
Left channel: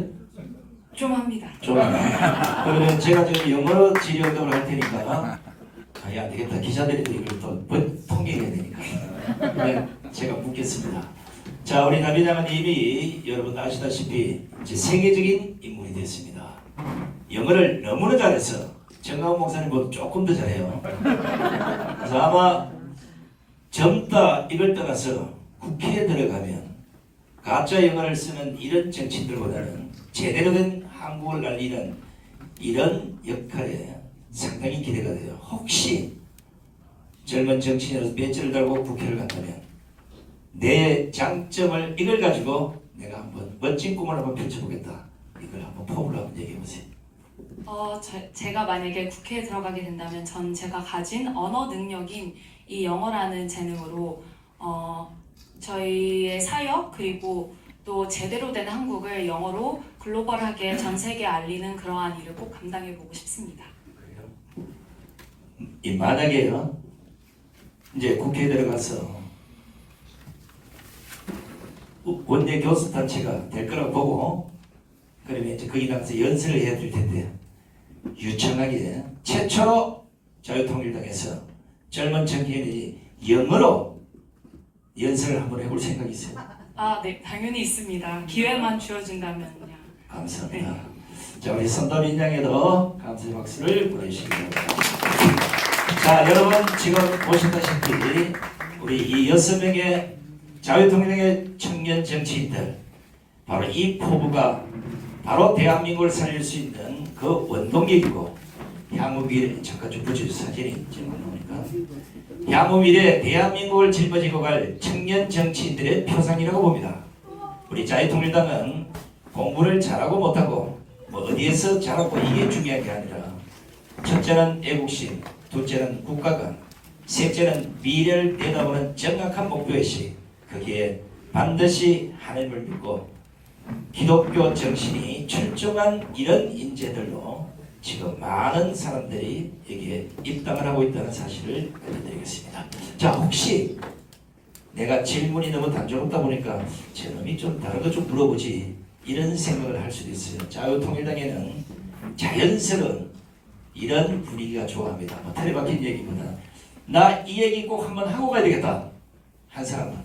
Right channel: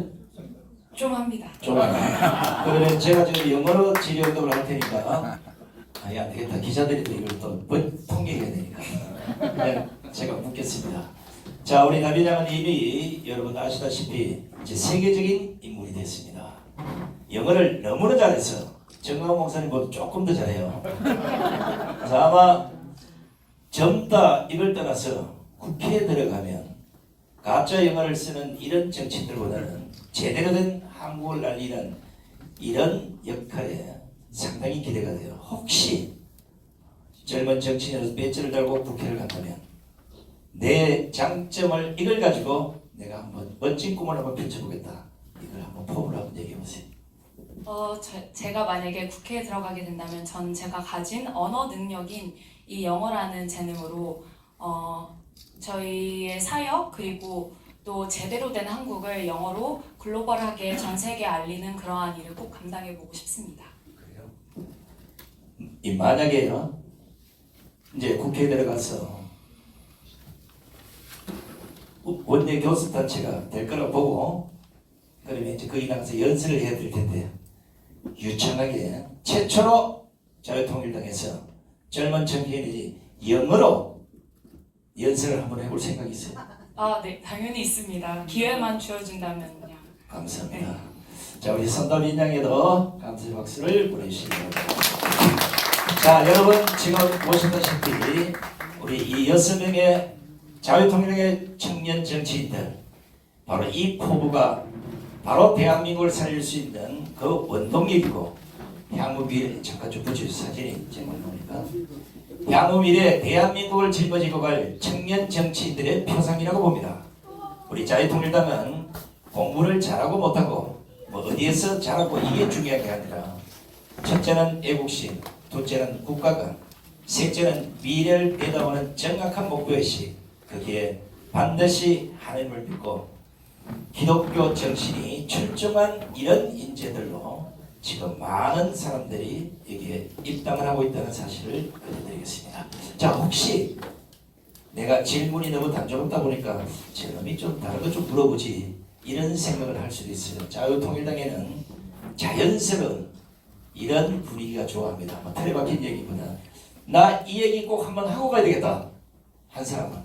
좀 합니다. 좀. 그러면 제가 지금 영어로 질의응답을 할 테니까 아니 안 되겠다. 기자들이 이걸 또 통계해야 되니까. 그냥 제가 묻겠습니다. 자, 우리 나비장은 이미 여러분 아시다시피 이제 세계적인 인물이 됐습니다. 영어를 너무나 잘해서 정강 목사님보다 조금 더 잘해요. 그래서 아마 젊다 이걸 떠나서 국회에 들어가면 가짜 영어를 쓰는 이런 정치인들보다는 제대로 된 한국을 날리는 이런 역할에 상당히 기대가 돼요. 혹시 젊은 정치인으로서 배지를 달고 국회를 간다면 내 장점을 이걸 가지고 내가 한번 멋진 꿈을 한번 펼쳐보겠다. 이걸 한번 폼을 한번 얘기해보세요. 제가 만약에 국회에 들어가게 된다면 전 제가 가진 언어 능력인 이 영어라는 재능으로 저희의 사역 그리고 또 제대로 된 한국을 영어로 글로벌하게 전 세계에 알리는 그러한 일을 꼭 감당해보고 싶습니다. 이 만약에요, 이제 국회에 들어가서 원내 교섭단체가 될 거라고 보고, 그러면 이제 거기 나가서 연설을 해야 될 텐데, 유창하게 최초로 자유통일당에서 젊은 청년이 영어로 연설을 한번 해볼 생각이 있어요. 네, 당연히 있습니다. 기회만 주어진다면요. 감사합니다. 자, 우리 선도민 양에도 감사의 박수를 보내주시기 바랍니다. 자, 여러분 지금 보셨다시피 우리 이 6명의 자유통일당의 청년 정치인들, 바로 이 포부가 바로 대한민국을 살릴 수 있는 그 원동력이고, 향후 미래, 잠깐 좀 붙여주세요. 사진이 지금 나오니까. 향후 미래 대한민국을 짊어지고 갈 청년 정치인들의 표상이라고 봅니다. 우리 자유통일당은 공부를 잘하고 못하고 뭐 어디에서 잘하고 이게 중요한 게 아니라, 첫째는 애국심, 둘째는 국가관, 셋째는 미래를 내다보는 정확한 목표의식, 거기에 반드시 하나님을 믿고 기독교 정신이 출중한 이런 인재들로 지금 많은 사람들이 여기에 입당을 하고 있다는 사실을 알려드리겠습니다. 자, 혹시 내가 질문이 너무 단조롭다 보니까 저놈이 좀 다른 거 좀 물어보지, 이런 생각을 할 수도 있어요. 자유통일당에는 자연스러운 이런 분위기가 좋아합니다. 뭐 틀에 박힌 얘기보다 나 이 얘기 꼭 한번 하고 가야 되겠다 한 사람은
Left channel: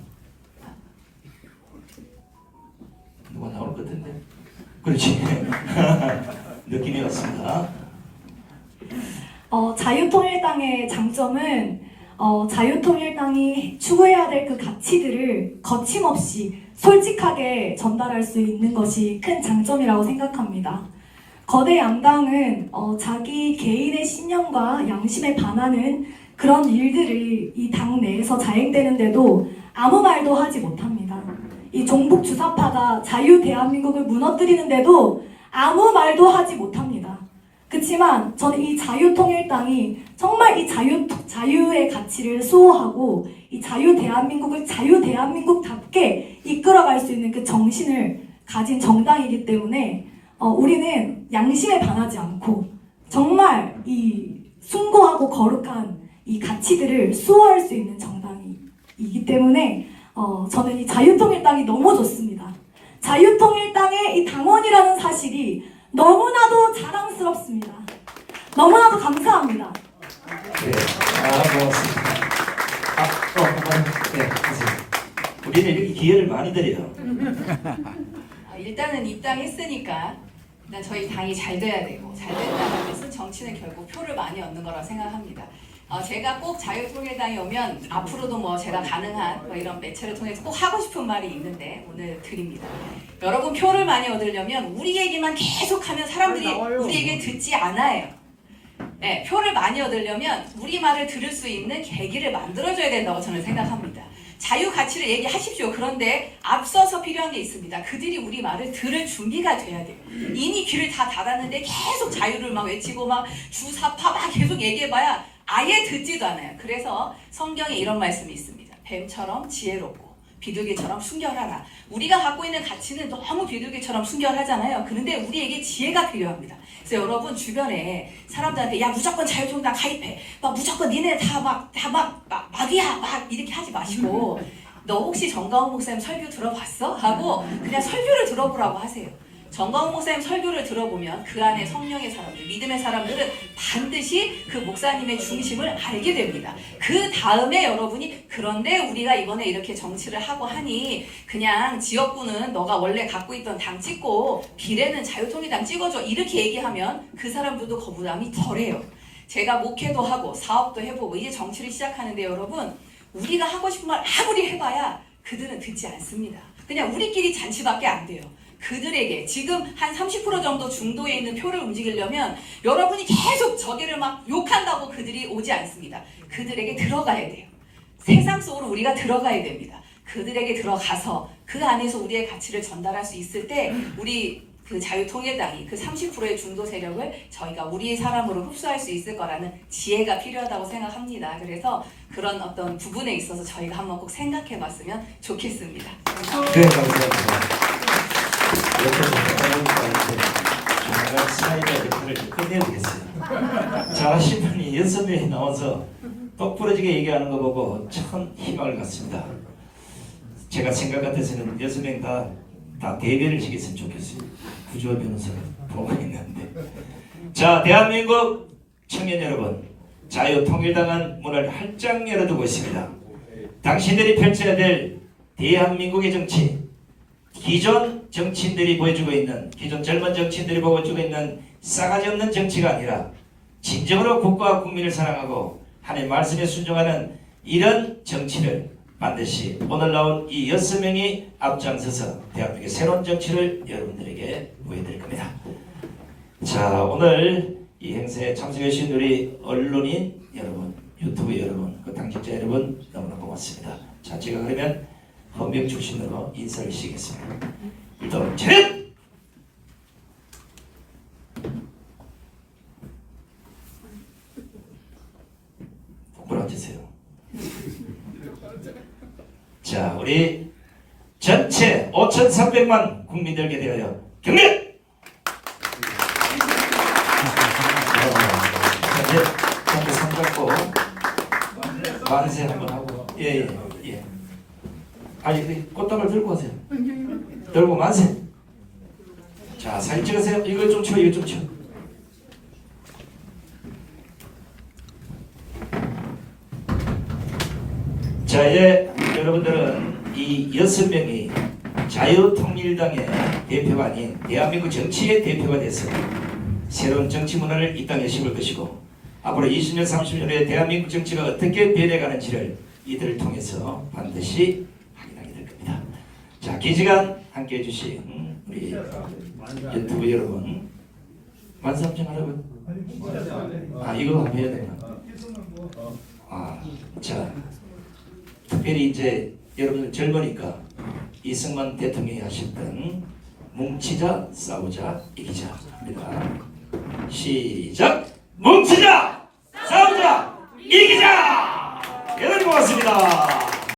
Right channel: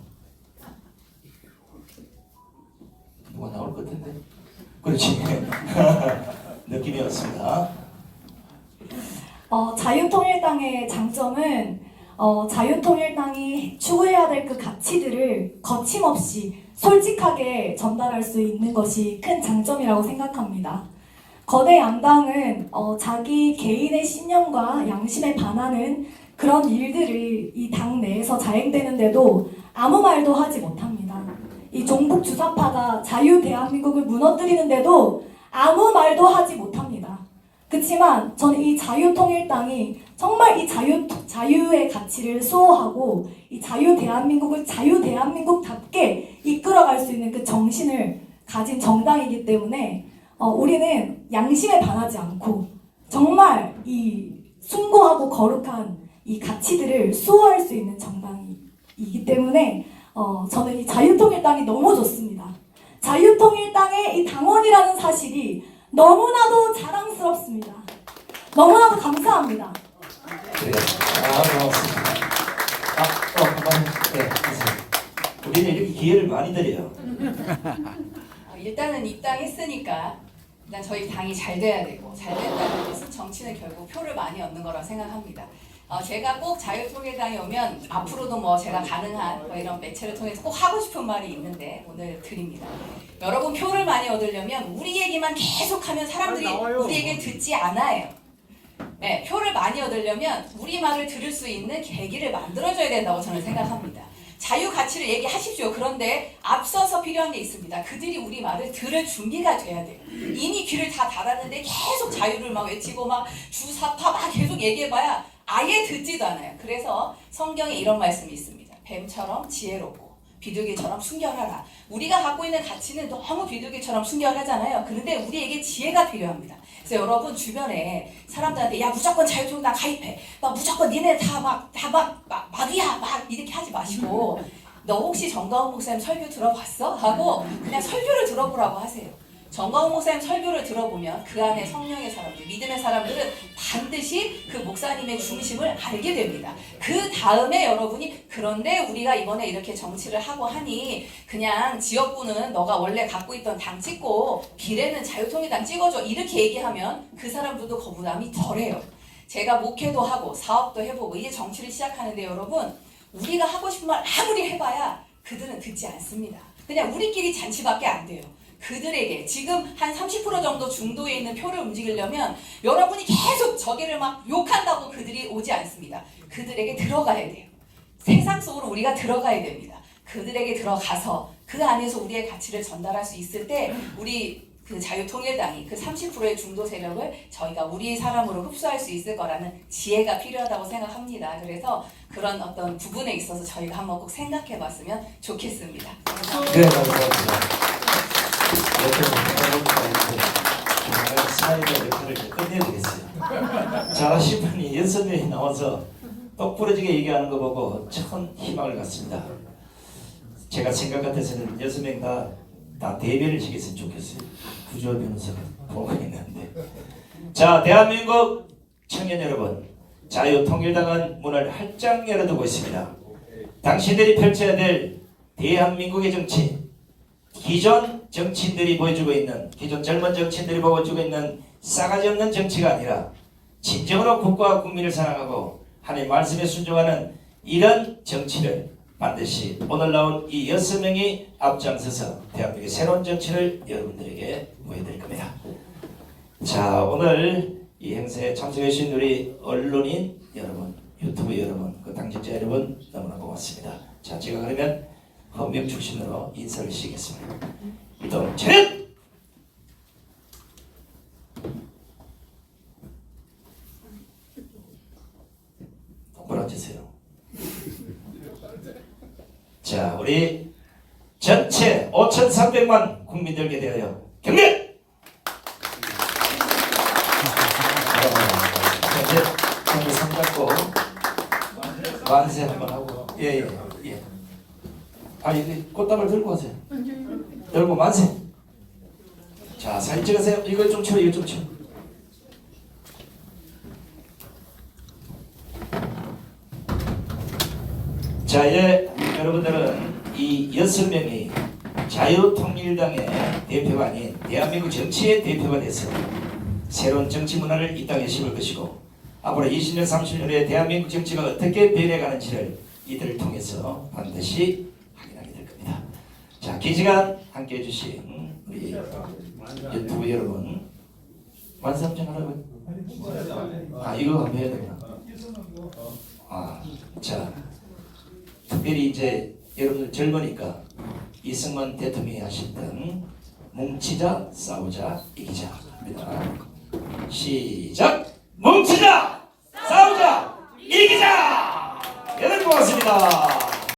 누가 나올 것 같은데? 그렇지. 느낌이 왔습니다. 자유통일당의 장점은 자유통일당이 추구해야 될 그 가치들을 거침없이 솔직하게 전달할 수 있는 것이 큰 장점이라고 생각합니다. 거대 양당은 자기 개인의 신념과 양심에 반하는 그런 일들이 이 당 내에서 자행되는데도 아무 말도 하지 못합니다. 이 종북 주사파가 자유 대한민국을 무너뜨리는데도 아무 말도 하지 못합니다. 그렇지만 저는 이 자유통일당이 정말 이 자유의 가치를 수호하고 이 자유 대한민국을 자유 대한민국답게 이끌어갈 수 있는 그 정신을 가진 정당이기 때문에 우리는 양심에 반하지 않고 정말 이 숭고하고 거룩한 이 가치들을 수호할 수 있는 정당이기 때문에 저는 이 자유통일당이 너무 좋습니다. 자유통일당의 이 당원이라는 사실이 너무나도 자랑스럽습니다. 너무나도 감사합니다. 네, 고맙습니다. 또 한번 하세요. 우리는 이렇게 기회를 많이 드려요. 일단은 입당했으니까 일단 저희 당이 잘 돼야 되고, 잘 된다는 것은 정치는 결국 표를 많이 얻는 거라 생각합니다. 제가 꼭 자유통일당에 오면 앞으로도 뭐 제가 가능한 뭐 이런 매체를 통해서 꼭 하고 싶은 말이 있는데 오늘 드립니다. 여러분, 표를 많이 얻으려면 우리 얘기만 계속하면 사람들이 우리 얘기를 듣지 않아요. 네, 표를 많이 얻으려면 우리 말을 들을 수 있는 계기를 만들어줘야 된다고 저는 생각합니다. 자유 가치를 얘기하십시오. 그런데 앞서서 필요한 게 있습니다. 그들이 우리 말을 들을 준비가 돼야 돼요. 이미 귀를 다 닫았는데 계속 자유를 막 외치고 막 주사파 막 계속 얘기해봐야 아예 듣지도 않아요. 그래서 성경에 이런 말씀이 있습니다. 뱀처럼 지혜롭고 비둘기처럼 순결하라. 우리가 갖고 있는 가치는 너무 비둘기처럼 순결하잖아요. 그런데 우리에게 지혜가 필요합니다. 그래서 여러분 주변에 사람들한테 야 무조건 자유통일당 가입해, 막 무조건 니네 다 막이야 막 이렇게 하지 마시고 너 혹시 정가훈 목사님 설교 들어봤어? 하고 그냥 설교를 들어보라고 하세요. 정가훈 목사님 설교를 들어보면 그 안에 성령의 사람들, 믿음의 사람들은 반드시 그 목사님의 중심을 알게 됩니다. 그 다음에 여러분이 그런데 우리가 이번에 이렇게 정치를 하고 하니 그냥 지역구는 너가 원래 갖고 있던 당 찍고 비례는 자유통일당 찍어줘 이렇게 얘기하면 그 사람들도 거부감이 덜해요. 제가 목회도 하고 사업도 해보고 이제 정치를 시작하는데 여러분, 우리가 하고 싶은 말 아무리 해봐야 그들은 듣지 않습니다. 그냥 우리끼리 잔치밖에 안 돼요. 그들에게 지금 한 30% 정도 중도에 있는 표를 움직이려면 여러분이 계속 저기를 막 욕한다고 그들이 오지 않습니다. 그들에게 들어가야 돼요. 세상 속으로 우리가 들어가야 됩니다. 그들에게 들어가서 그 안에서 우리의 가치를 전달할 수 있을 때 우리 그 자유통일당이 그 30%의 중도 세력을 저희가 우리의 사람으로 흡수할 수 있을 거라는 지혜가 필요하다고 생각합니다. 그래서 그런 어떤 부분에 있어서 저희가 한번 꼭 생각해 봤으면 좋겠습니다. 네, 감사합니다. 정말 사회자 역할을 끝내야 되겠어요. 자, 심판이 6명이 나와서 똑부러지게 얘기하는 거 보고 참 희망을 갖습니다. 제가 생각 같아서는 6명 다 대변을 시켰으면 좋겠어요. 구조 변호사가 보고 있는데. 자, 대한민국 청년 여러분, 자유통일당은 문을 활짝 열어두고 있습니다. 당신들이 펼쳐야 될 대한민국의 정치, 기존 정치인들이 보여주고 있는, 기존 젊은 정치인들이 보여주고 있는 싸가지 없는 정치가 아니라 진정으로 국가와 국민을 사랑하고 하나님의 말씀에 순종하는 이런 정치를 반드시 오늘 나온 이 6명이 앞장서서 대한민국의 새로운 정치를 여러분들에게 보여드릴 겁니다. 자, 오늘 이 행사에 참석해 주신 우리 언론인 여러분, 유튜브 여러분, 그 당직자 여러분 너무나 고맙습니다. 자, 제가 그러면 헌병 출신으로 인사를 시키겠습니다. 일단 차렷! 똑바로 앉으세요. 자, 우리 전체 5,300만 국민들께 대하여 경례! 이제 전부 손잡고 만세 한번 하고, 예. 아니, 꽃다발 들고 가세요. 들고 만세. 자, 사진 찍으세요. 이거 좀 치워, 이거 좀 치워. 자, 이제 여러분들은 이 6명이 자유통일당의 대표가 아닌 대한민국 정치의 대표가 돼서 새로운 정치 문화를 이 땅에 심을 것이고, 앞으로 20년, 30년 후에 대한민국 정치가 어떻게 변해가는지를 이들을 통해서 반드시 확인하게 될 겁니다. 자, 긴 시간 함께해 주신 우리 유튜브 여러분, 만삼정 하라고요? 이거 한번 해야 되구나. 자, 특별히 이제 여러분들 젊으니까 이승만 대통령이 하셨던 뭉치자 싸우자 이기자 합니다. 시작! 뭉치자 싸우자 이기자! 여러분 고맙습니다.